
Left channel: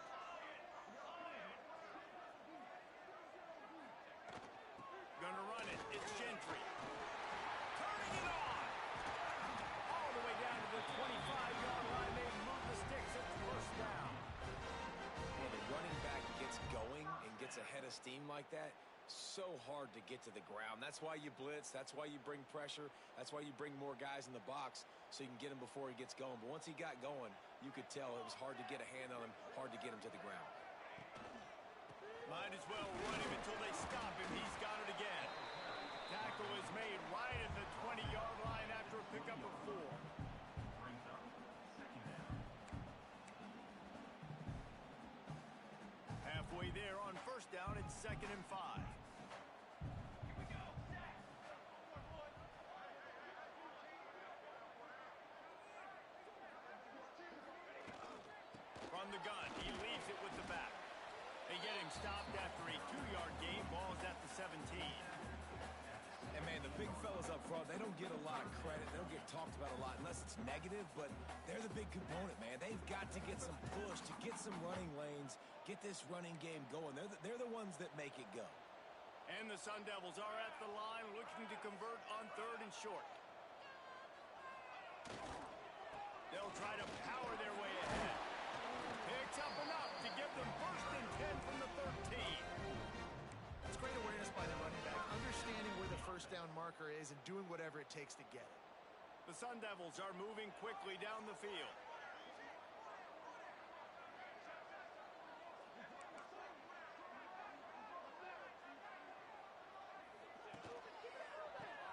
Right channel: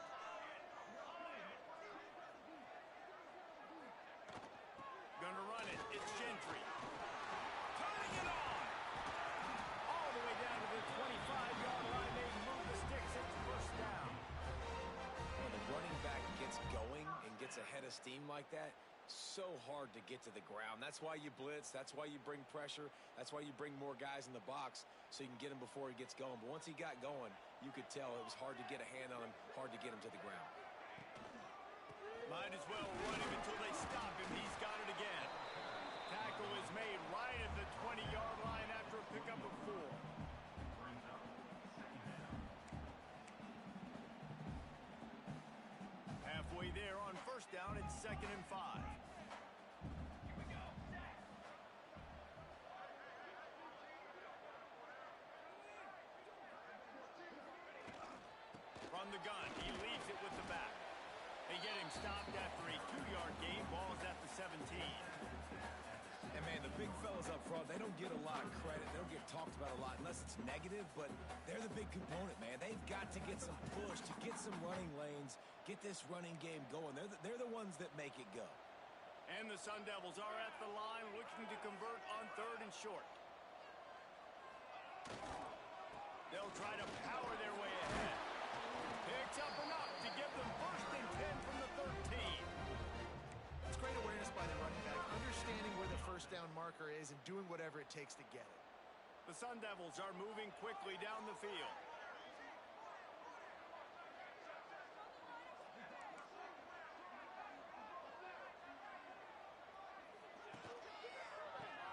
Gonna run it. It's Gentry. Turning it on. All the way down to the 25-yard line. They move the sticks. It's 1st down. When the running back gets going and gets ahead of steam like that, so hard to get to the ground. That's why you blitz. That's why you bring pressure. That's why you bring more guys in the box so you can get him before he gets going. But once he got going, you could tell it was hard to get a hand on him, hard to get him to the ground. Might as well run him until they stop him. He's got it again. Tackle is made right at the 20-yard line after a pickup of 4. Brings up 2nd down. Halfway there on 1st down, it's 2nd and 5. Here we go. From the gun, he leaves it with the back. They get him stopped after a 2-yard gain. Ball's at the 17. And, man, the big fellas up front, they don't get a lot of credit. They don't get talked about a lot unless it's negative, but they're the big component, man. They've got to get some push, to get some running lanes, get this running game going. They're the ones that make it go. And the Sun Devils are at the line looking to convert on 3rd and short. They'll try to power their way ahead. Picks up enough to give them 1st and 10 from the 13. It's great awareness by the running back, understanding where the first down marker is and doing whatever it takes to get it. The Sun Devils are moving quickly down the field.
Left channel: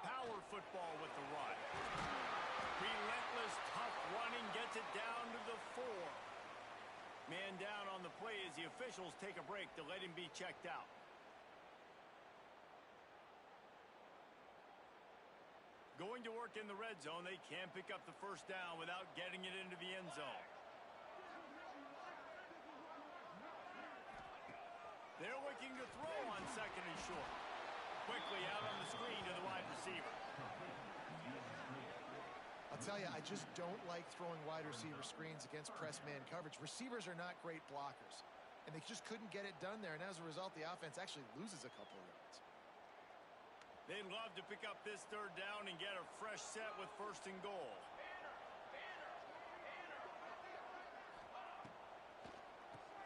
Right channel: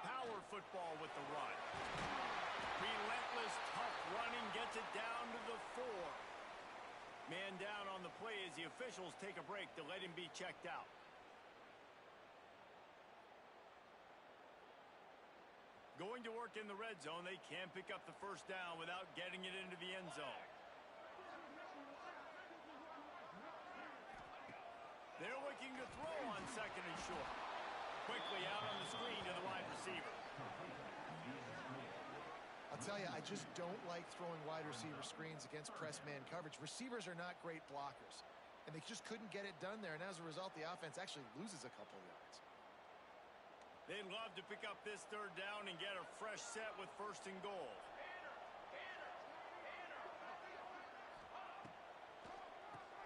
Power football with the run. Relentless, tough running gets it down to the 4. Man down on the play as the officials take a break to let him be checked out. Going to work in the red zone, they can pick up the first down without getting it into the end zone. They're looking to throw on 2nd and short. Quickly out on the screen to the wide receiver. I'll tell you, I just don't like throwing wide receiver screens against press man coverage. Receivers are not great blockers, and they just couldn't get it done there, and as a result, the offense actually loses a couple yards. They'd love to pick up this 3rd down and get a fresh set with 1st and goal.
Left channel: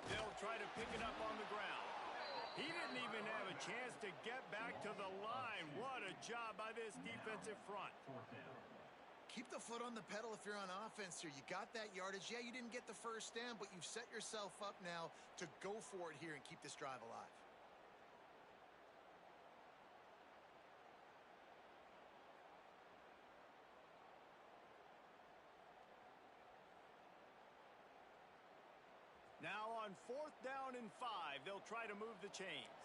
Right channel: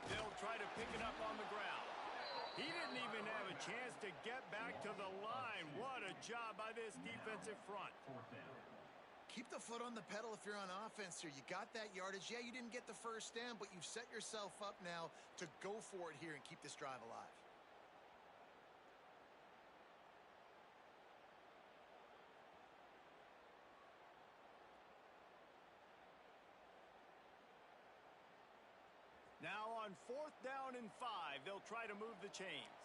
They'll try to pick it up on the ground. He didn't even have a chance to get back to the line. What a job by this defensive front. Keep the foot on the pedal if you're on offense here. You got that yardage. Yeah, you didn't get the first down, but you've set yourself up now to go for it here and keep this drive alive. Now on 4th down and 5, they'll try to move the chains.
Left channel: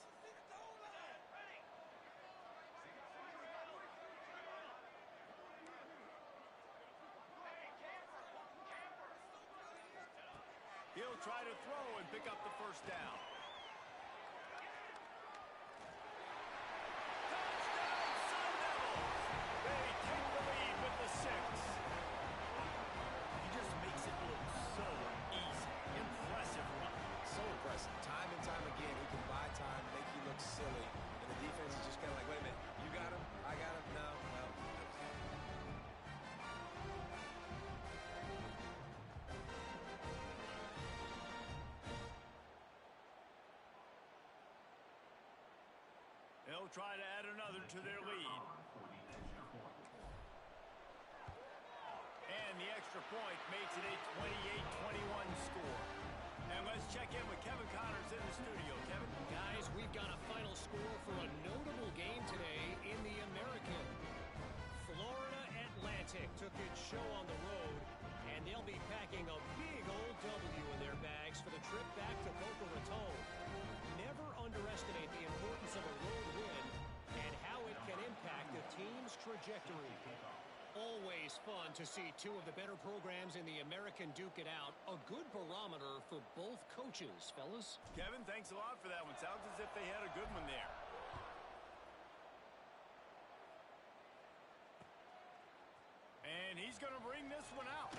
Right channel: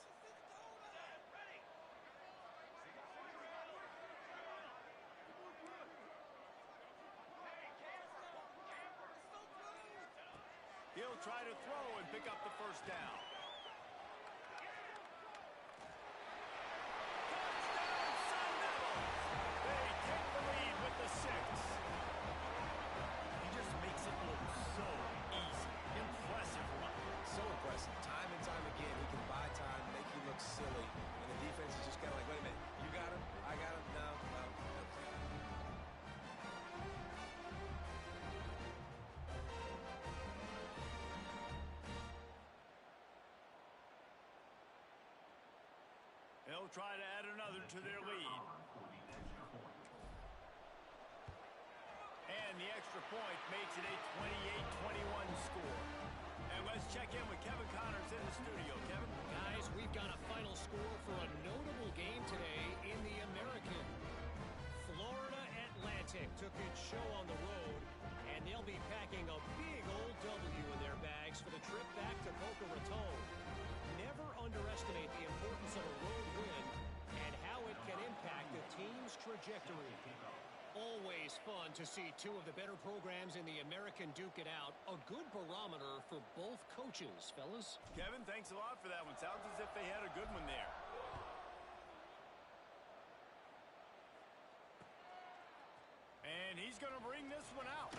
He'll try to throw and pick up the first down. Touchdown, Sun Devils! They take the lead with the 6. He just makes it look so easy. Impressive run. So impressive. Time and time again, he can buy time, make you look silly, and the defense is just kind of like, wait a minute, you got him? I got him? No. Well, they'll try to add another to their lead. And the extra point makes it a 28-21 score. And let's check in with Kevin Connors in the studio. Kevin? Guys, we've got a final score for a notable game today in the American. Florida Atlantic took its show on the road, and they'll be packing a big old W in their bags for the trip back to Boca Raton. Never underestimate the importance of a road win and how it can impact the team's trajectory. Always fun to see two of the better programs in the American duke it out. A good barometer for both coaches, fellas. Kevin, thanks a lot for that one. Sounds as if they had a good one there. And he's going to bring this one out.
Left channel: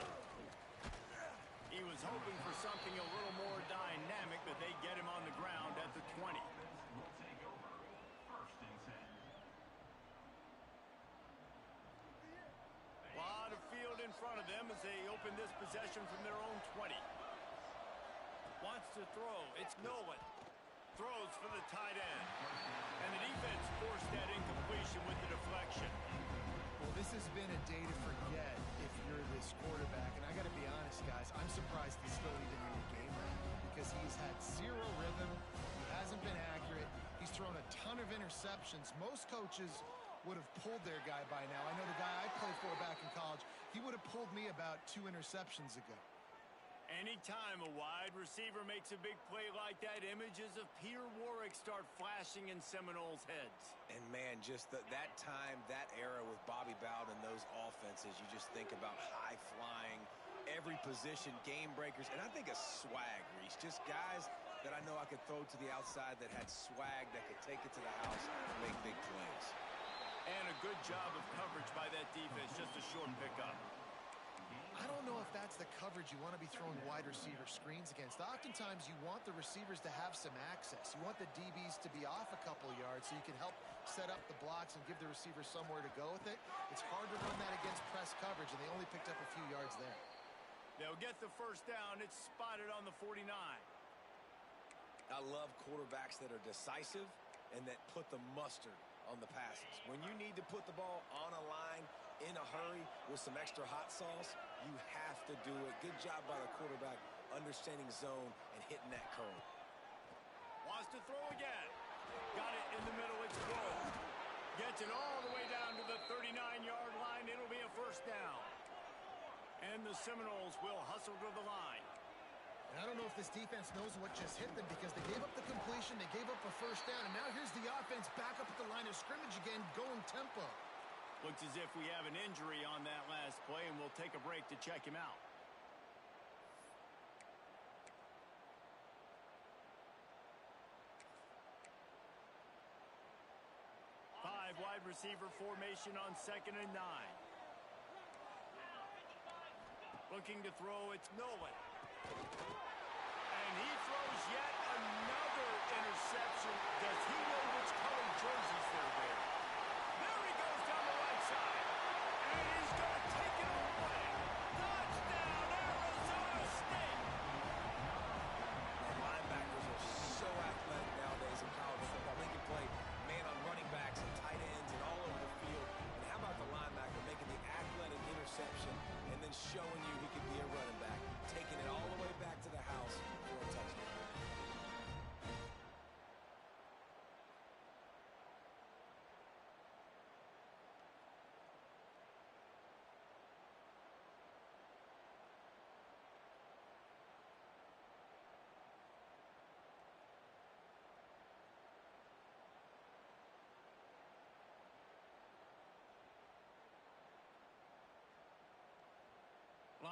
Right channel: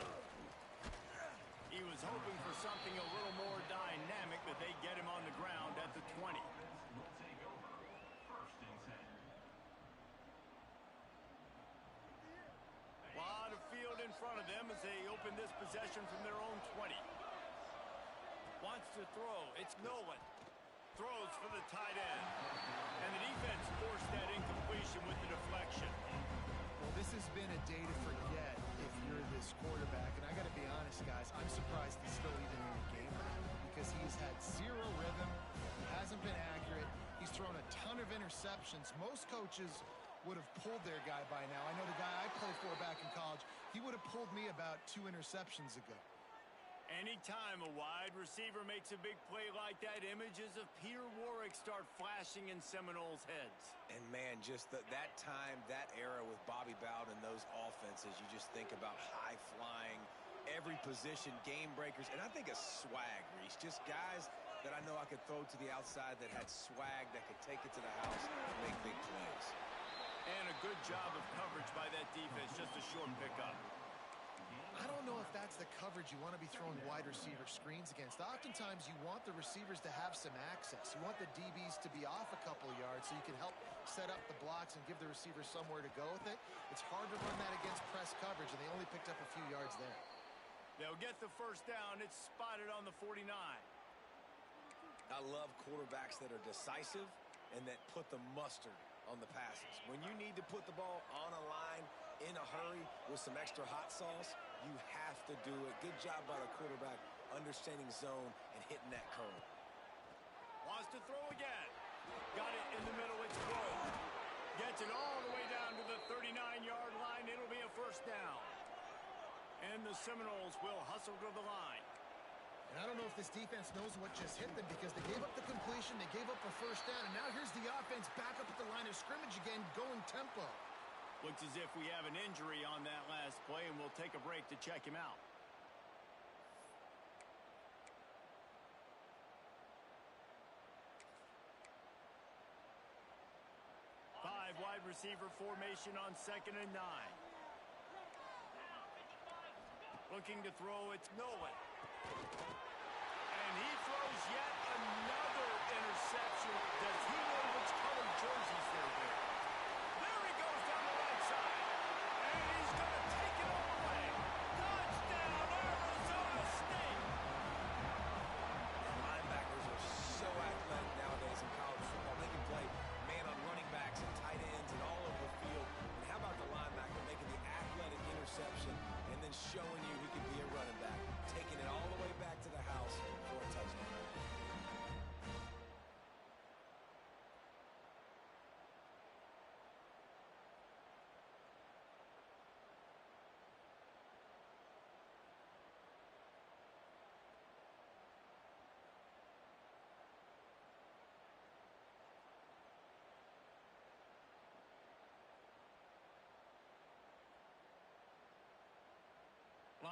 He was hoping for something a little more dynamic, but they get him on the ground at the 20. Will take over 1st and 10. A lot of field in front of them as they open this possession from their own 20. Wants to throw. It's Nolan. Throws for the tight end. And the defense forced that incompletion with the deflection. Well, this has been a day to forget if you're this quarterback. And I got to be honest, guys, I'm surprised he's still even in the game right now because he's had zero rhythm. He hasn't been accurate. He's thrown a ton of interceptions. Most coaches would have pulled their guy by now. I know the guy I played for back in college, he would have pulled me about 2 interceptions ago. Anytime a wide receiver makes a big play like that, images of Peter Warwick start flashing in Seminoles' heads. and man, just that time, that era with Bobby Bowden and those offenses, you just think about high-flying, every position, game breakers, and I think a swag, Reese. Just guys that I know I could throw to the outside that had swag, that could take it to the house and make big plays. And a good job of coverage by that defense, just a short pickup. I don't know if that's the coverage you want to be throwing wide receiver screens against. Oftentimes, you want the receivers to have some access. You want the DBs to be off a couple of yards so you can help set up the blocks and give the receiver somewhere to go with it. It's hard to run that against press coverage, and they only picked up a few yards there. They'll get the first down. It's spotted on the 49. I love quarterbacks that are decisive and that put the mustard on the passes. When you need to put the ball on a line in a hurry with some extra hot sauce, you have to do it. Good job by the quarterback understanding zone and hitting that curve. Wants to throw again. Got it in the middle. It's Grove. Gets it all the way down to the 39-yard line. It'll be a first down. And the Seminoles will hustle to the line. And I don't know if this defense knows what just hit them because they gave up the completion, they gave up a first down, and now here's the offense back up at the line of scrimmage again, going tempo. Looks as if we have an injury on that last play, and we'll take a break to check him out. Five wide receiver formation on 2nd and 9. Looking to throw, it's Nolan. And he throws yet another interception. Does he know which colored jerseys they're wearing? There he goes down the right side. And he's going to take it all the way. Touchdown, Arizona State. And linebackers are so athletic nowadays in college football. They can play man on running backs and tight ends and all over the field. And how about the linebacker making the athletic interception and then showing you he could be a running back, taking it all the way back to the house for a touchdown.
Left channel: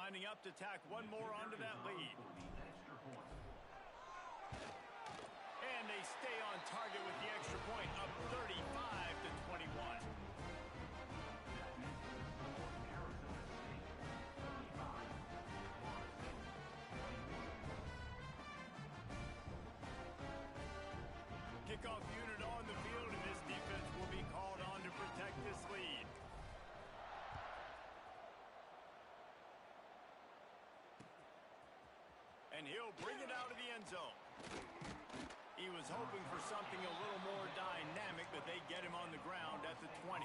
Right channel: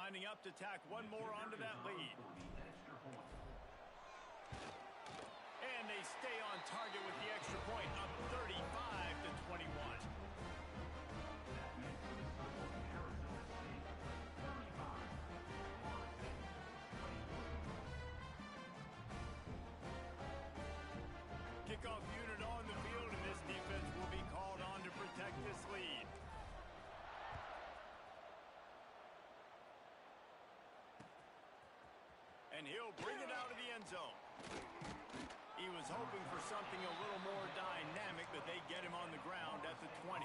Lining up to tack one more onto that lead. And they stay on target with the extra point, up 35-21. Kickoff unit on the field, and this defense will be called on to protect this lead. And he'll bring it out of the end zone. He was hoping for something a little more dynamic, but they get him on the ground at the 20.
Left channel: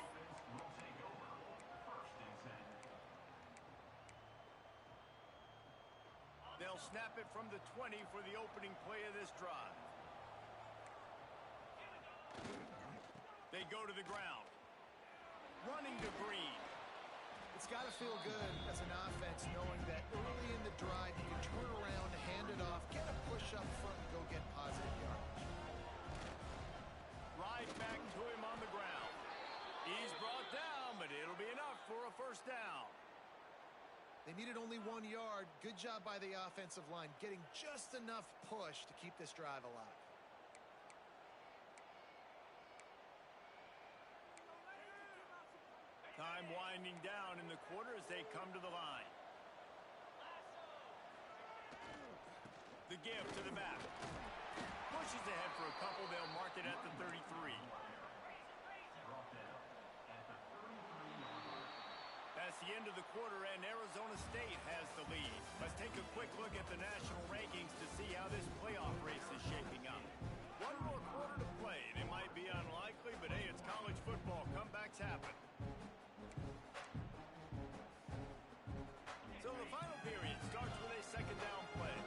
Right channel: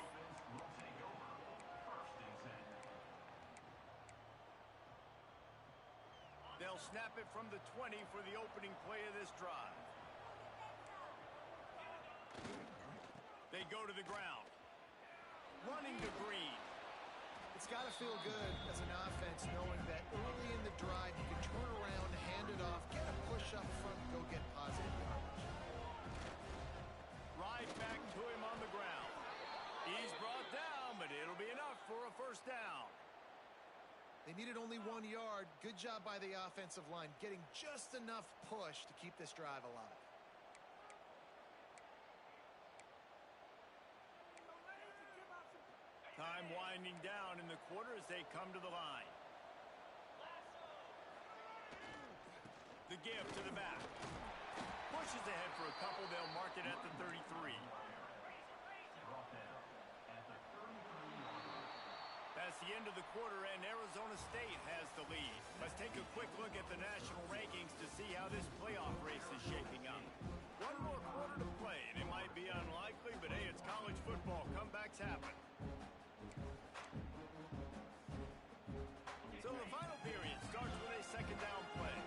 They'll snap it from the 20 for the opening play of this drive. They go to the ground. Running to Green. It's got to feel good as an offense knowing that early in the drive you can turn around, hand it off, get a push up front, and go get positive yardage. Right back to him on the ground. He's brought down, but it'll be enough for a first down. They needed only 1 yard. Good job by the offensive line, getting just enough push to keep this drive alive. Time winding down in the quarter as they come to the line. The give to the back. Pushes ahead for a couple. They'll mark it at the 33. That's the end of the quarter, and Arizona State has the lead. Let's take a quick look at the national rankings to see how this playoff race is shaping up. One more quarter to play. It might be unlikely, but hey, it's college football. Comebacks happen. So the final period starts with a second down play.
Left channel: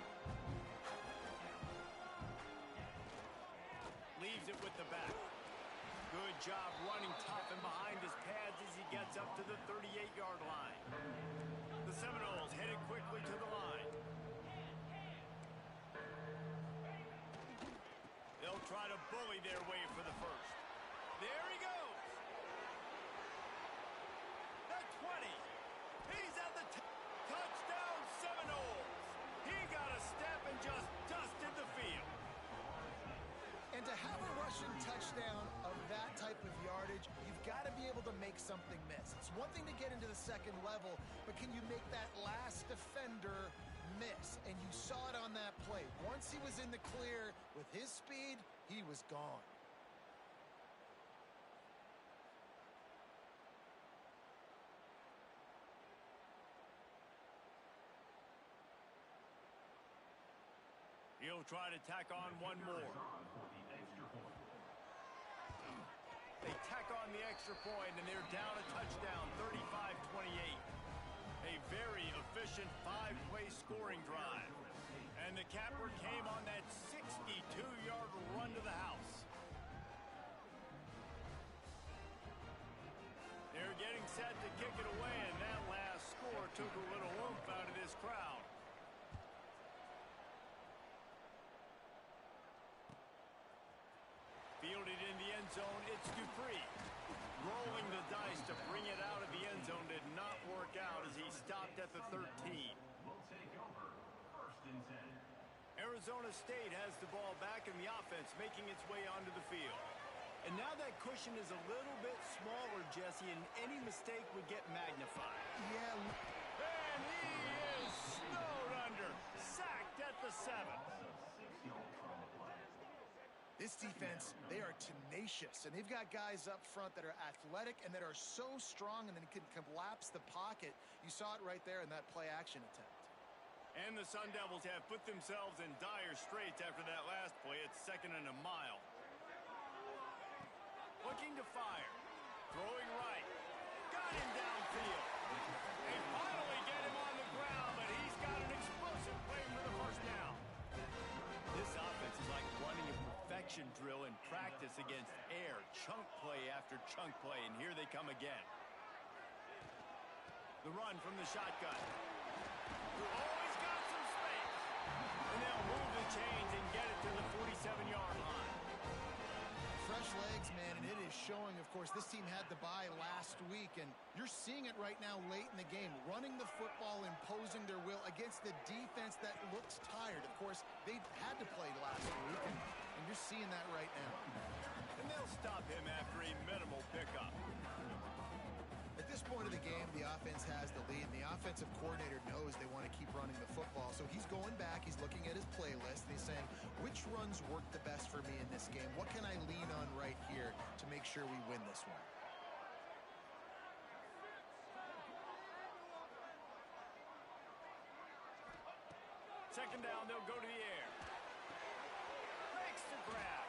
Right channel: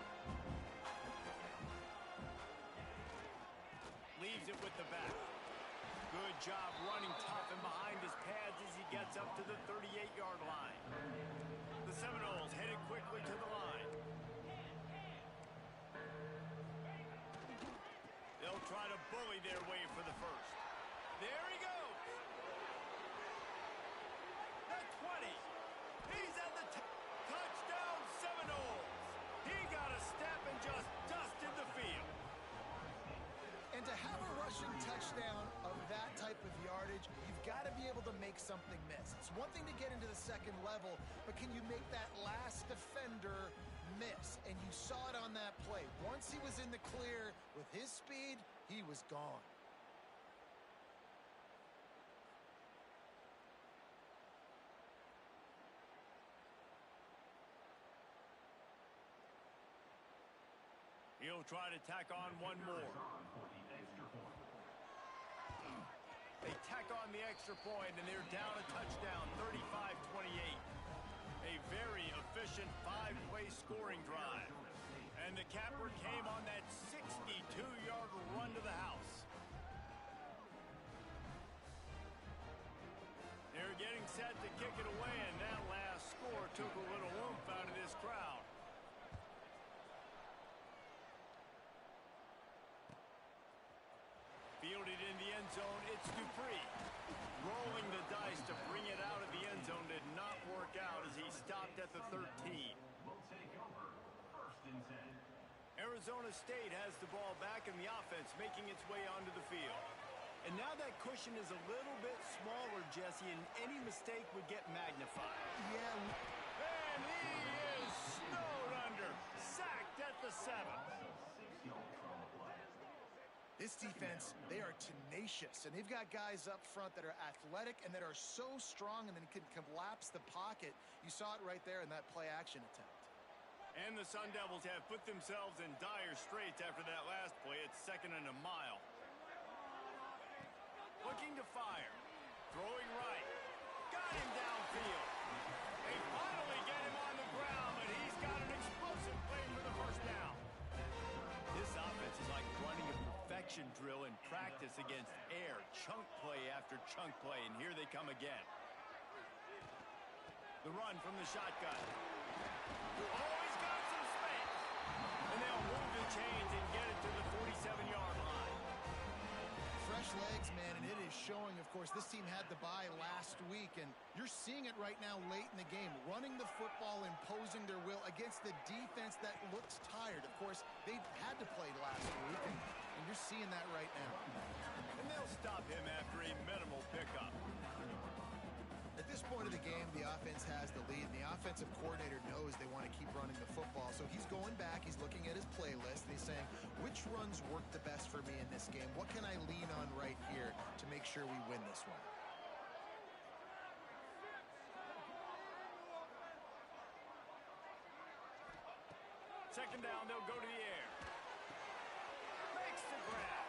Leaves it with the back. Good job running tough and behind his pads as he gets up to the 38-yard line. The Seminoles headed quickly to the line. They'll try to bully their way for the first. There he goes. The 20. He's at the touchdown Seminoles. He got a step and just dusted the field. And to have a rushing touchdown of that type of yardage, you've got to be able to make something miss. It's one thing to get into the second level, but can you make that last defender miss? And you saw it on that play. Once he was in the clear with his speed, he was gone. He'll try to tack on one more. They tack on the extra point, and they're down a touchdown, 35-28. A very efficient 5-play scoring drive. And the capper came on that 62-yard run to the house. They're getting set to kick it away, and that last score took a little oomph out of this crowd. Fielded in the end zone, it's Dupree. Rolling the dice to bring it out of the end zone did not work out as he stopped at the 13. Will take over 1st and 10. Arizona State has the ball back in the offense, making its way onto the field. And now that cushion is a little bit smaller, Jesse, and any mistake would get magnified. Yeah. And he is snowed under, sacked at the 7. This defense, they are tenacious, and they've got guys up front that are athletic and that are so strong and then can collapse the pocket. You saw it right there in that play-action attempt. And the Sun Devils have put themselves in dire straits after that last play. It's 2nd and a mile. Looking to fire. Throwing right. Got him downfield. They finally get him on the ground, but he's got an explosive play for the 1st down. This offense is like running a perfection drill in practice against air. Chunk play after chunk play, and here they come again. The run from the shotgun. Oh, he's got some space. And they'll move the chains and get it to the 47-yard line. Fresh legs, man, and it is showing. Of course, this team had the bye last week, and you're seeing it right now late in the game. Running the football, imposing their will against the defense that looks tired. Of course, they had to play last week, and you're seeing that right now. And they'll stop him after a minimal pickup. At this point of the game, the offense has the lead, and the offensive coordinator knows they want to keep running the football. So he's going back, he's looking at his playlist, and he's saying, which runs work the best for me in this game? What can I lean on right here to make sure we win this one? Second down, they'll go to the air. Makes the grab.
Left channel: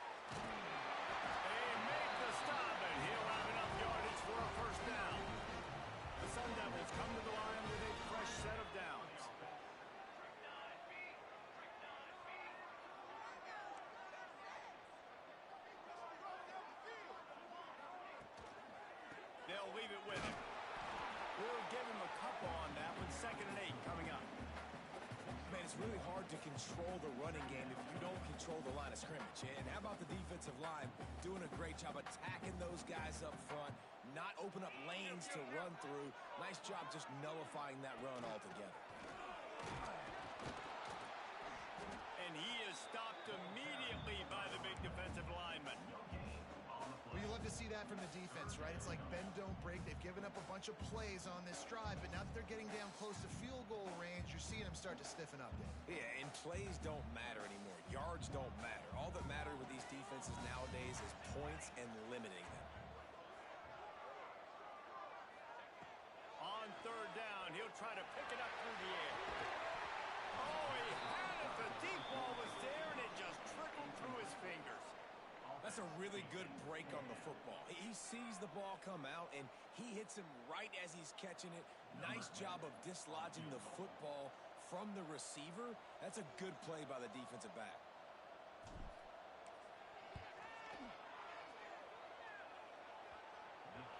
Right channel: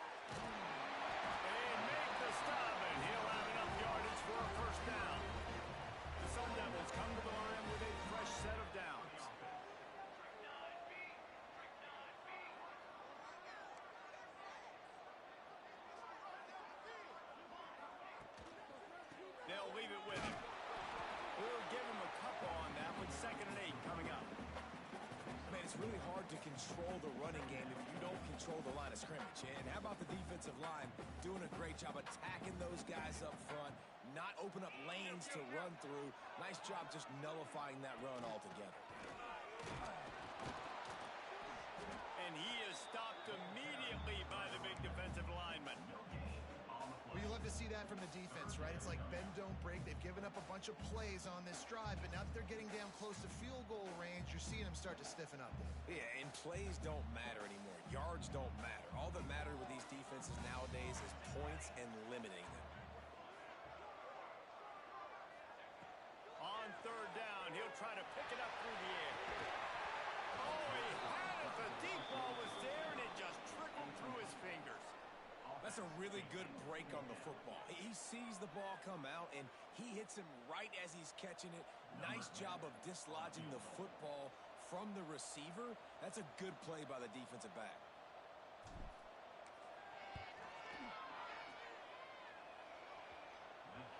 They make the stop, and he'll have enough yardage for a 1st down. The Sun Devils come to the line with a fresh set of downs. They'll leave it with him. We'll give him a couple on that one. 2nd and 8 coming up. Man, it's really hard to control the running game if you don't control the line of scrimmage. And how about the defensive line doing a great job attacking those guys up front, not open up lanes to run through. Nice job just nullifying that run altogether. And he is stopped immediately by the big defensive lineman. Well, you love to see that from the defense, right? It's like bend, don't break. They've given up a bunch of plays on this drive, but now that they're getting down close to field goal range, you're seeing them start to stiffen up, David. Yeah, and plays don't matter anymore. Yards don't matter. All that matters with these defenses nowadays is points and limiting them. On 3rd down, he'll try to pick it up through the air. Oh, he had it. The deep ball was there, and it just trickled through his fingers. That's a really good break on the football. He sees the ball come out, and he hits him right as he's catching it. Nice job of dislodging the football from the receiver. That's a good play by the defensive back.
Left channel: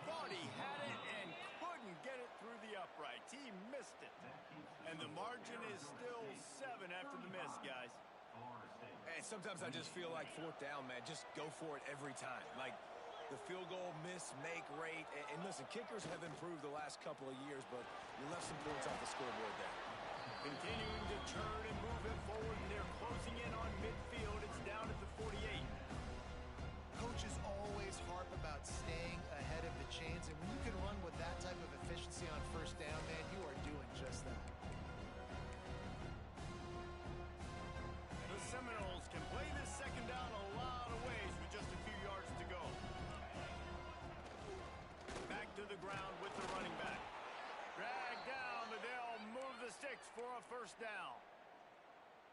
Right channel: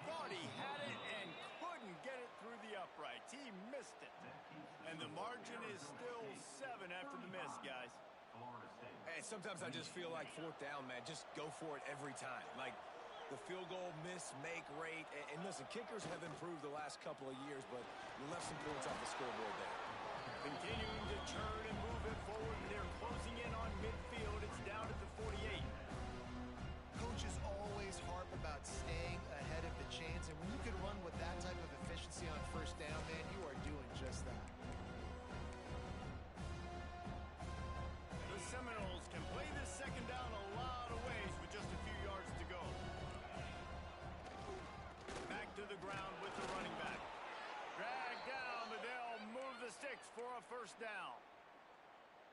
Thought he had it and couldn't get it through the uprights. He missed it. And the margin is still 7 after the miss, guys. Hey, sometimes I just feel like 4th down, man. Just go for it every time. Like the field goal miss-make rate. And listen, kickers have improved the last couple of years, but you left some points off the scoreboard there. Continuing to turn and move it forward, and they're closing in on midfield. It's down at the 48. Coaches always harp about staying ahead of the chains, and when you for a first down.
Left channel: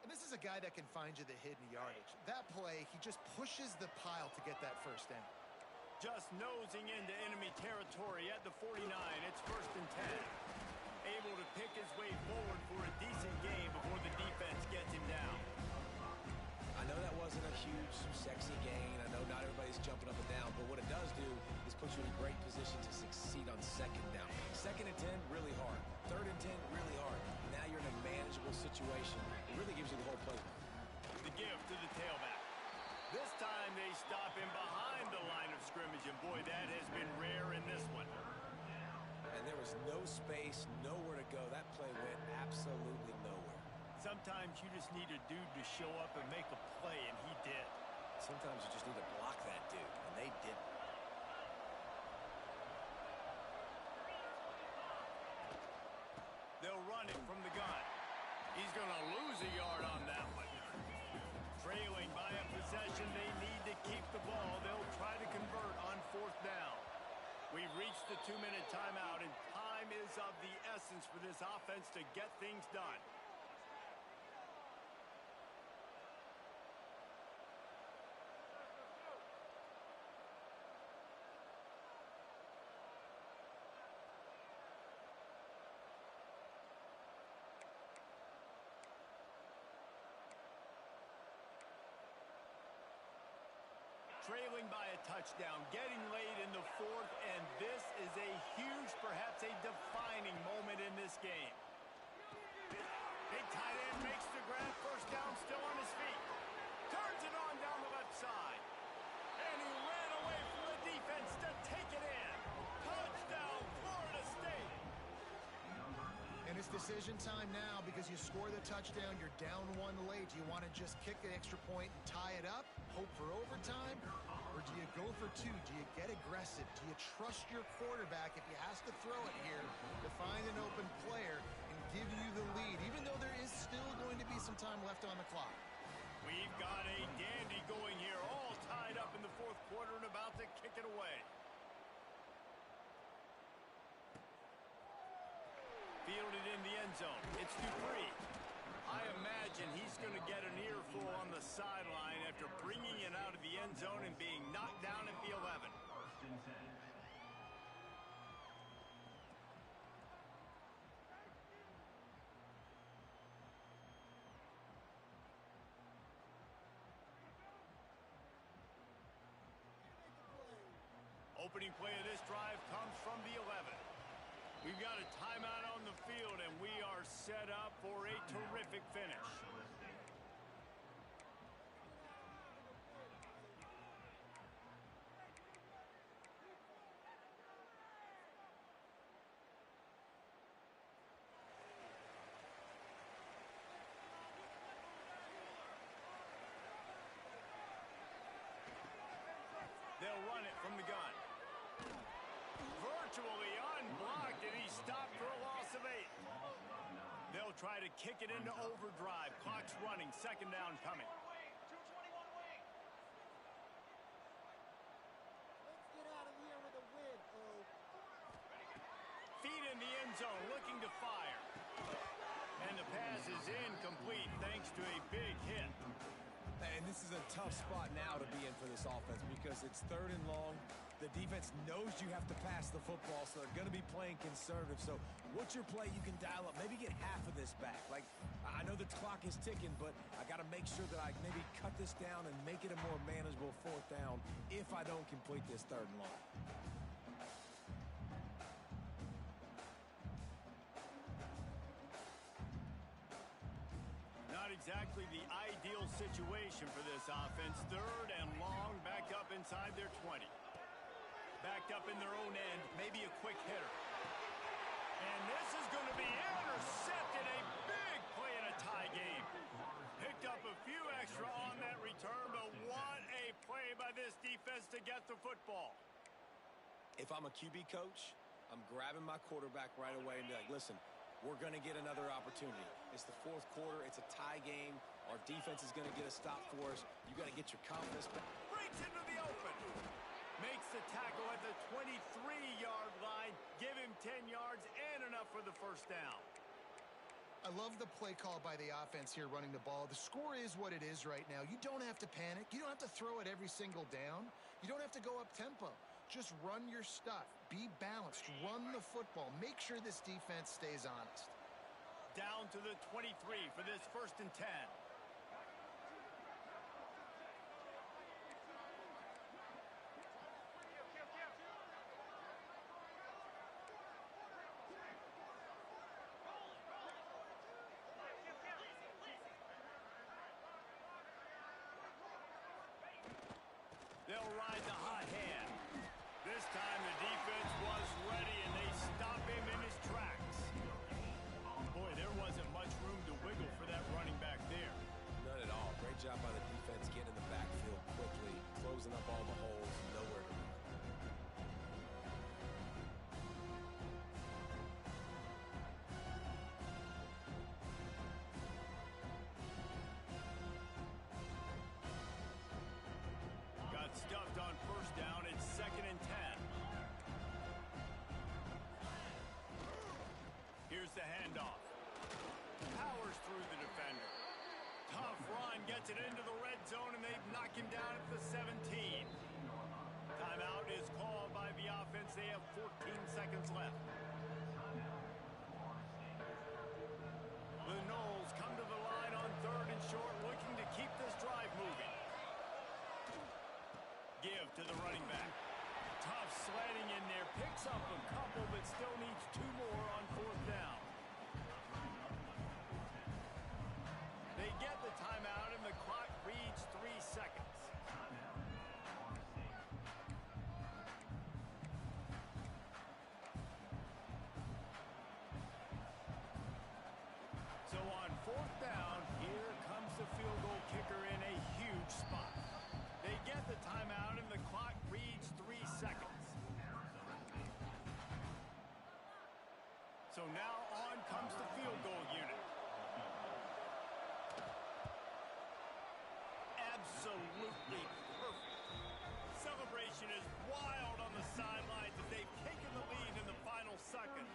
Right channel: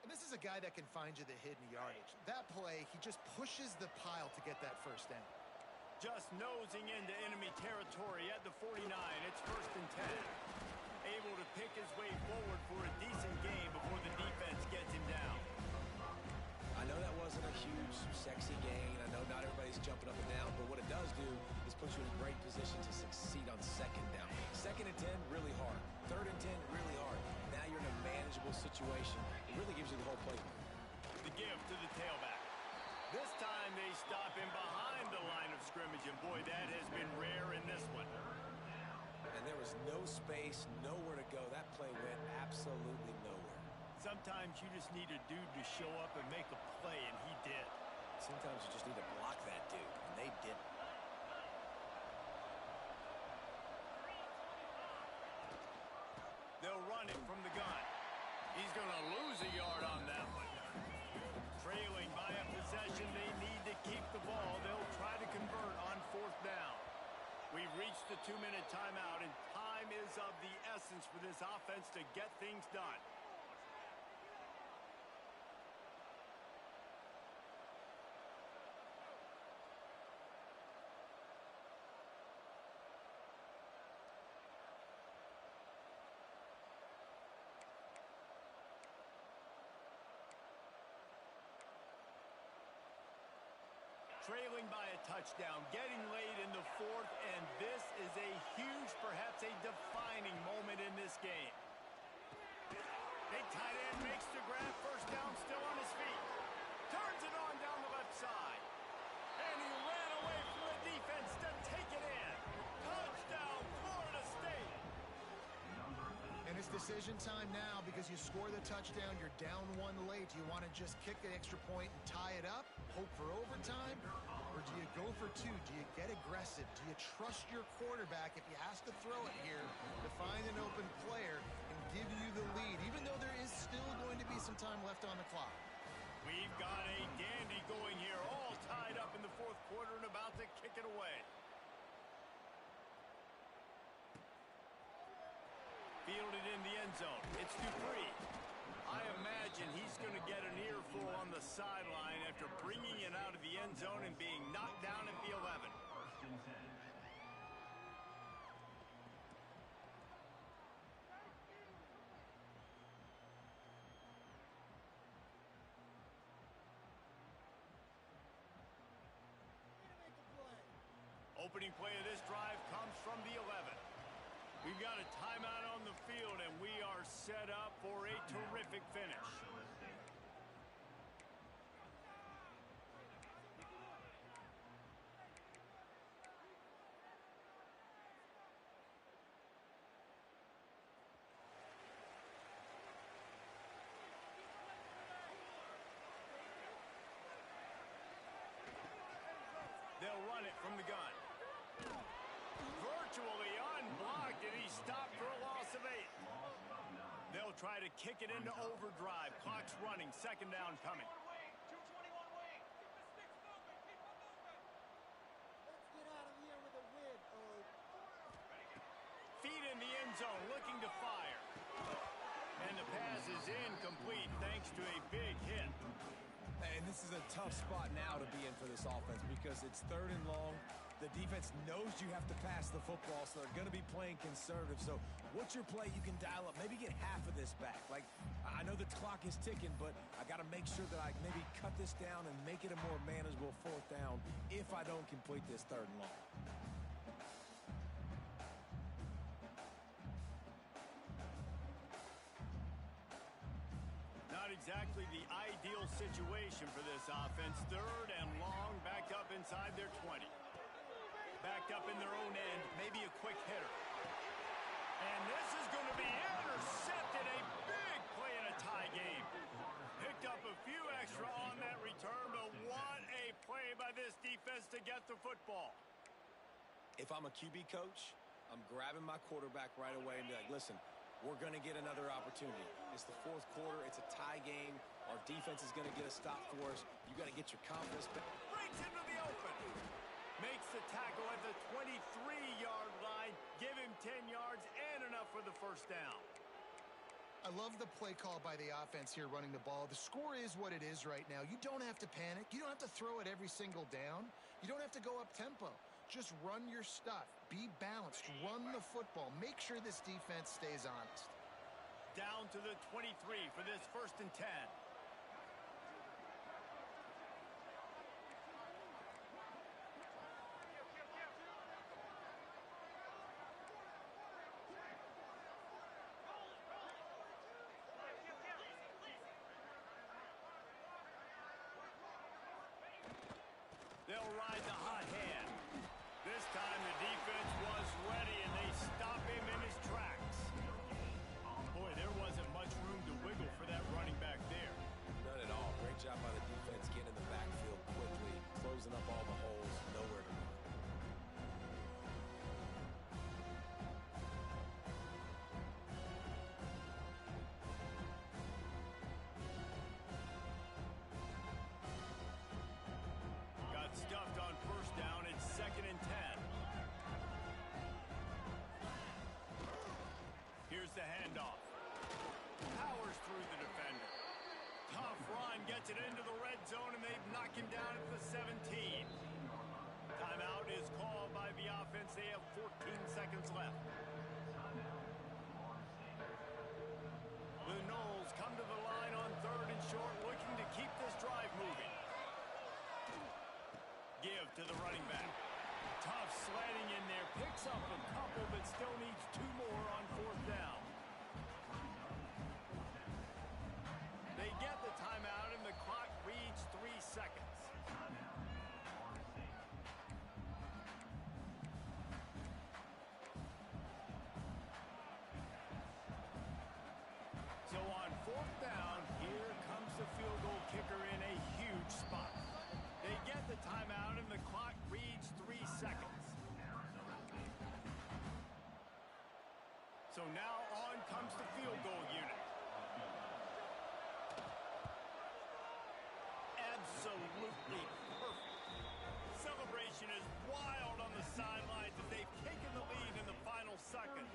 And this is a guy that can find you the hidden yardage. That play, he just pushes the pile to get that first down. Just nosing into enemy territory at the 49. It's 1st and 10. Able to pick his way forward for a decent gain before the defense gets him down. I know that wasn't a huge, sexy gain. I know not everybody's jumping up and down, but what it does do is put you in a great position to succeed on 2nd down. 2nd and 10, really hard. 3rd and 10, really hard. Now you're in a manageable situation. It really gives you the whole playbook. The give to the tailback. This time they stop him behind the line of scrimmage, and boy, that has been rare in this one. And there was no space, nowhere to go. That play went absolutely nowhere. Sometimes you just need a dude to show up and make a play, and he did. Sometimes you just need to block that dude, and they didn't. They'll run it from the gun. He's going to lose a yard on that one. Trailing by a possession, they need to keep the ball. They'll try to convert on 4th down. We've reached the 2-minute timeout, and time is of the essence for this offense to get things done. Trailing by a touchdown, getting late in the 4th, and this is a huge, perhaps a defining moment in this game. Big tight end makes the grab, 1st down, still on his feet. Turns it on down the left side. And he ran away from the defense to take it in. Touchdown, Florida State. And it's decision time now because you score the touchdown, you're down 1 late. Do you want to just kick the extra point and tie it up, hope for overtime? Or do you go for 2? Do you get aggressive? Do you trust your quarterback if he has to throw it here to find an open player and give you the lead, even though there is still going to be some time left on the clock? We've got a dandy going here, all tied up in the 4th quarter and about to kick it away. Fielded in the end zone. It's Dupree. I imagine he's going to get an earful on the sideline after bringing it out of the end zone and being knocked down at the 11. 1st and 10. Opening play of this drive comes from the 11. We've got a timeout on the field, and we are set up for a terrific finish. They'll run it from the gun. Virtually unblocked, and he stopped for a loss of 8. They'll try to kick it into overdrive. Clock's running. 2nd down coming. Let's get out of here with a win, Feet in the end zone, looking to fire. And the pass is incomplete thanks to a big hit. And this is a tough spot now to be in for this offense because it's 3rd and long. The defense knows you have to pass the football, so they're going to be playing conservative. So what's your play you can dial up? Maybe get half of this back. Like, I know the clock is ticking, but I got to make sure that I maybe cut this down and make it a more manageable 4th down if I don't complete this 3rd and long. Not exactly the ideal situation for this offense. 3rd and long, backed up inside their 20. Backed up in their own end, maybe a quick hitter. And this is going to be intercepted. A big play in a tie game. Picked up a few extra on that return, but what a play by this defense to get the football. If I'm a QB coach, I'm grabbing my quarterback right away and be like, listen, we're going to get another opportunity. It's the 4th quarter. It's a tie game. Our defense is going to get a stop for us. You got to get your confidence back. Breaks into the open. Makes the tackle at the 23-yard line. Give him 10 yards and enough for the 1st down. I love the play call by the offense here running the ball. The score is what it is right now. You don't have to panic. You don't have to throw it every single down. You don't have to go up tempo. Just run your stuff. Be balanced. Run the football. Make sure this defense stays honest. Down to the 23 for this 1st and 10. They'll ride the hot hand. This time the defense was ready, and they stop him in his tracks. Boy, there wasn't much room to wiggle for that running back there. None at all. Great job by the defense getting in the backfield quickly, closing up all the holes, nowhere to run. Got stuffed on 1st down. It's 2nd and 10. Here's the handoff. Powers through the defender. Tough run, gets it into the red zone, and they've knocked him down at the 17. Timeout is called by the offense. They have 14 seconds left. The Noles come to the line on 3rd and short, looking to keep this drive moving. Give to the running back. Tough sledding in there. Picks up a couple, but still needs 2 more on 4th down. They get the timeout, and the clock reads 3 seconds. So on 4th down, here comes the field goal kicker in a huge spot. They get the timeout, and the clock reads 3 seconds. So now on comes the field goal unit. Absolutely perfect. Celebration is wild on the sidelines as they've taken the lead in the final seconds.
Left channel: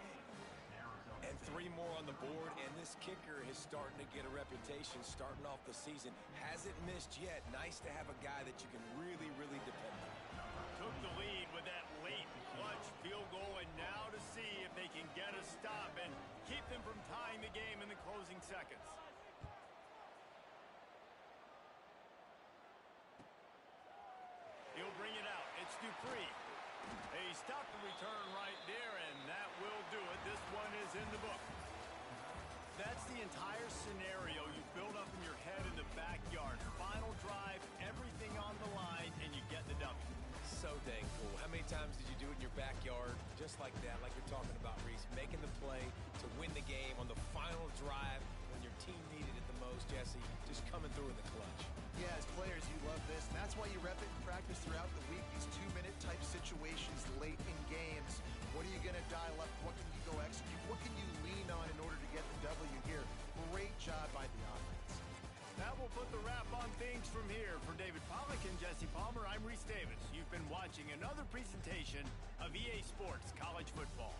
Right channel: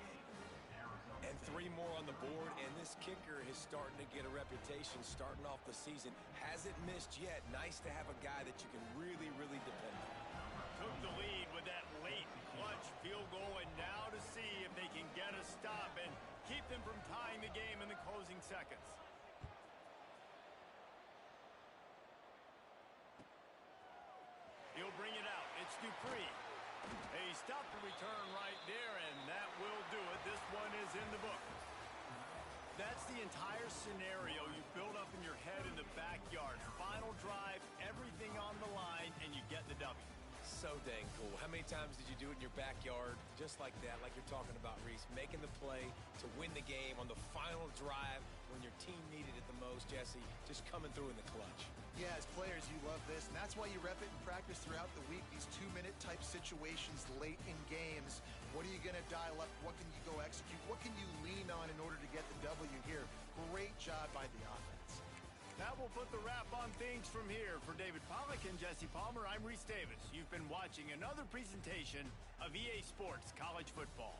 And 3 more on the board, and this kicker is starting to get a reputation starting off the season. Hasn't missed yet. Nice to have a guy that you can really, really depend on. Took the lead with that late clutch field goal, and now to see if they can get a stop and keep them from tying the game in the closing seconds. He'll bring it out. It's Dupree. A stop and return right there, and that will do it. This one is in the book. That's the entire scenario you build up in your head in the backyard. Final drive, everything on the line, and you get the W. So dang cool. How many times did you do it in your backyard? Just like that, like you're talking about, Reese. Making the play to win the game on the final drive when your team needed it the most, Jesse. Just coming through in the clutch. Yeah, as players, you love this, and that's why you rep it in practice throughout the week, these 2-minute type situations late in games. What are you going to dial up? What can you go execute? What can you lean on in order to get the W here? Great job by the offense. That will put the wrap on things from here. For David Pollack and Jesse Palmer, I'm Reese Davis. You've been watching another presentation of EA Sports College Football.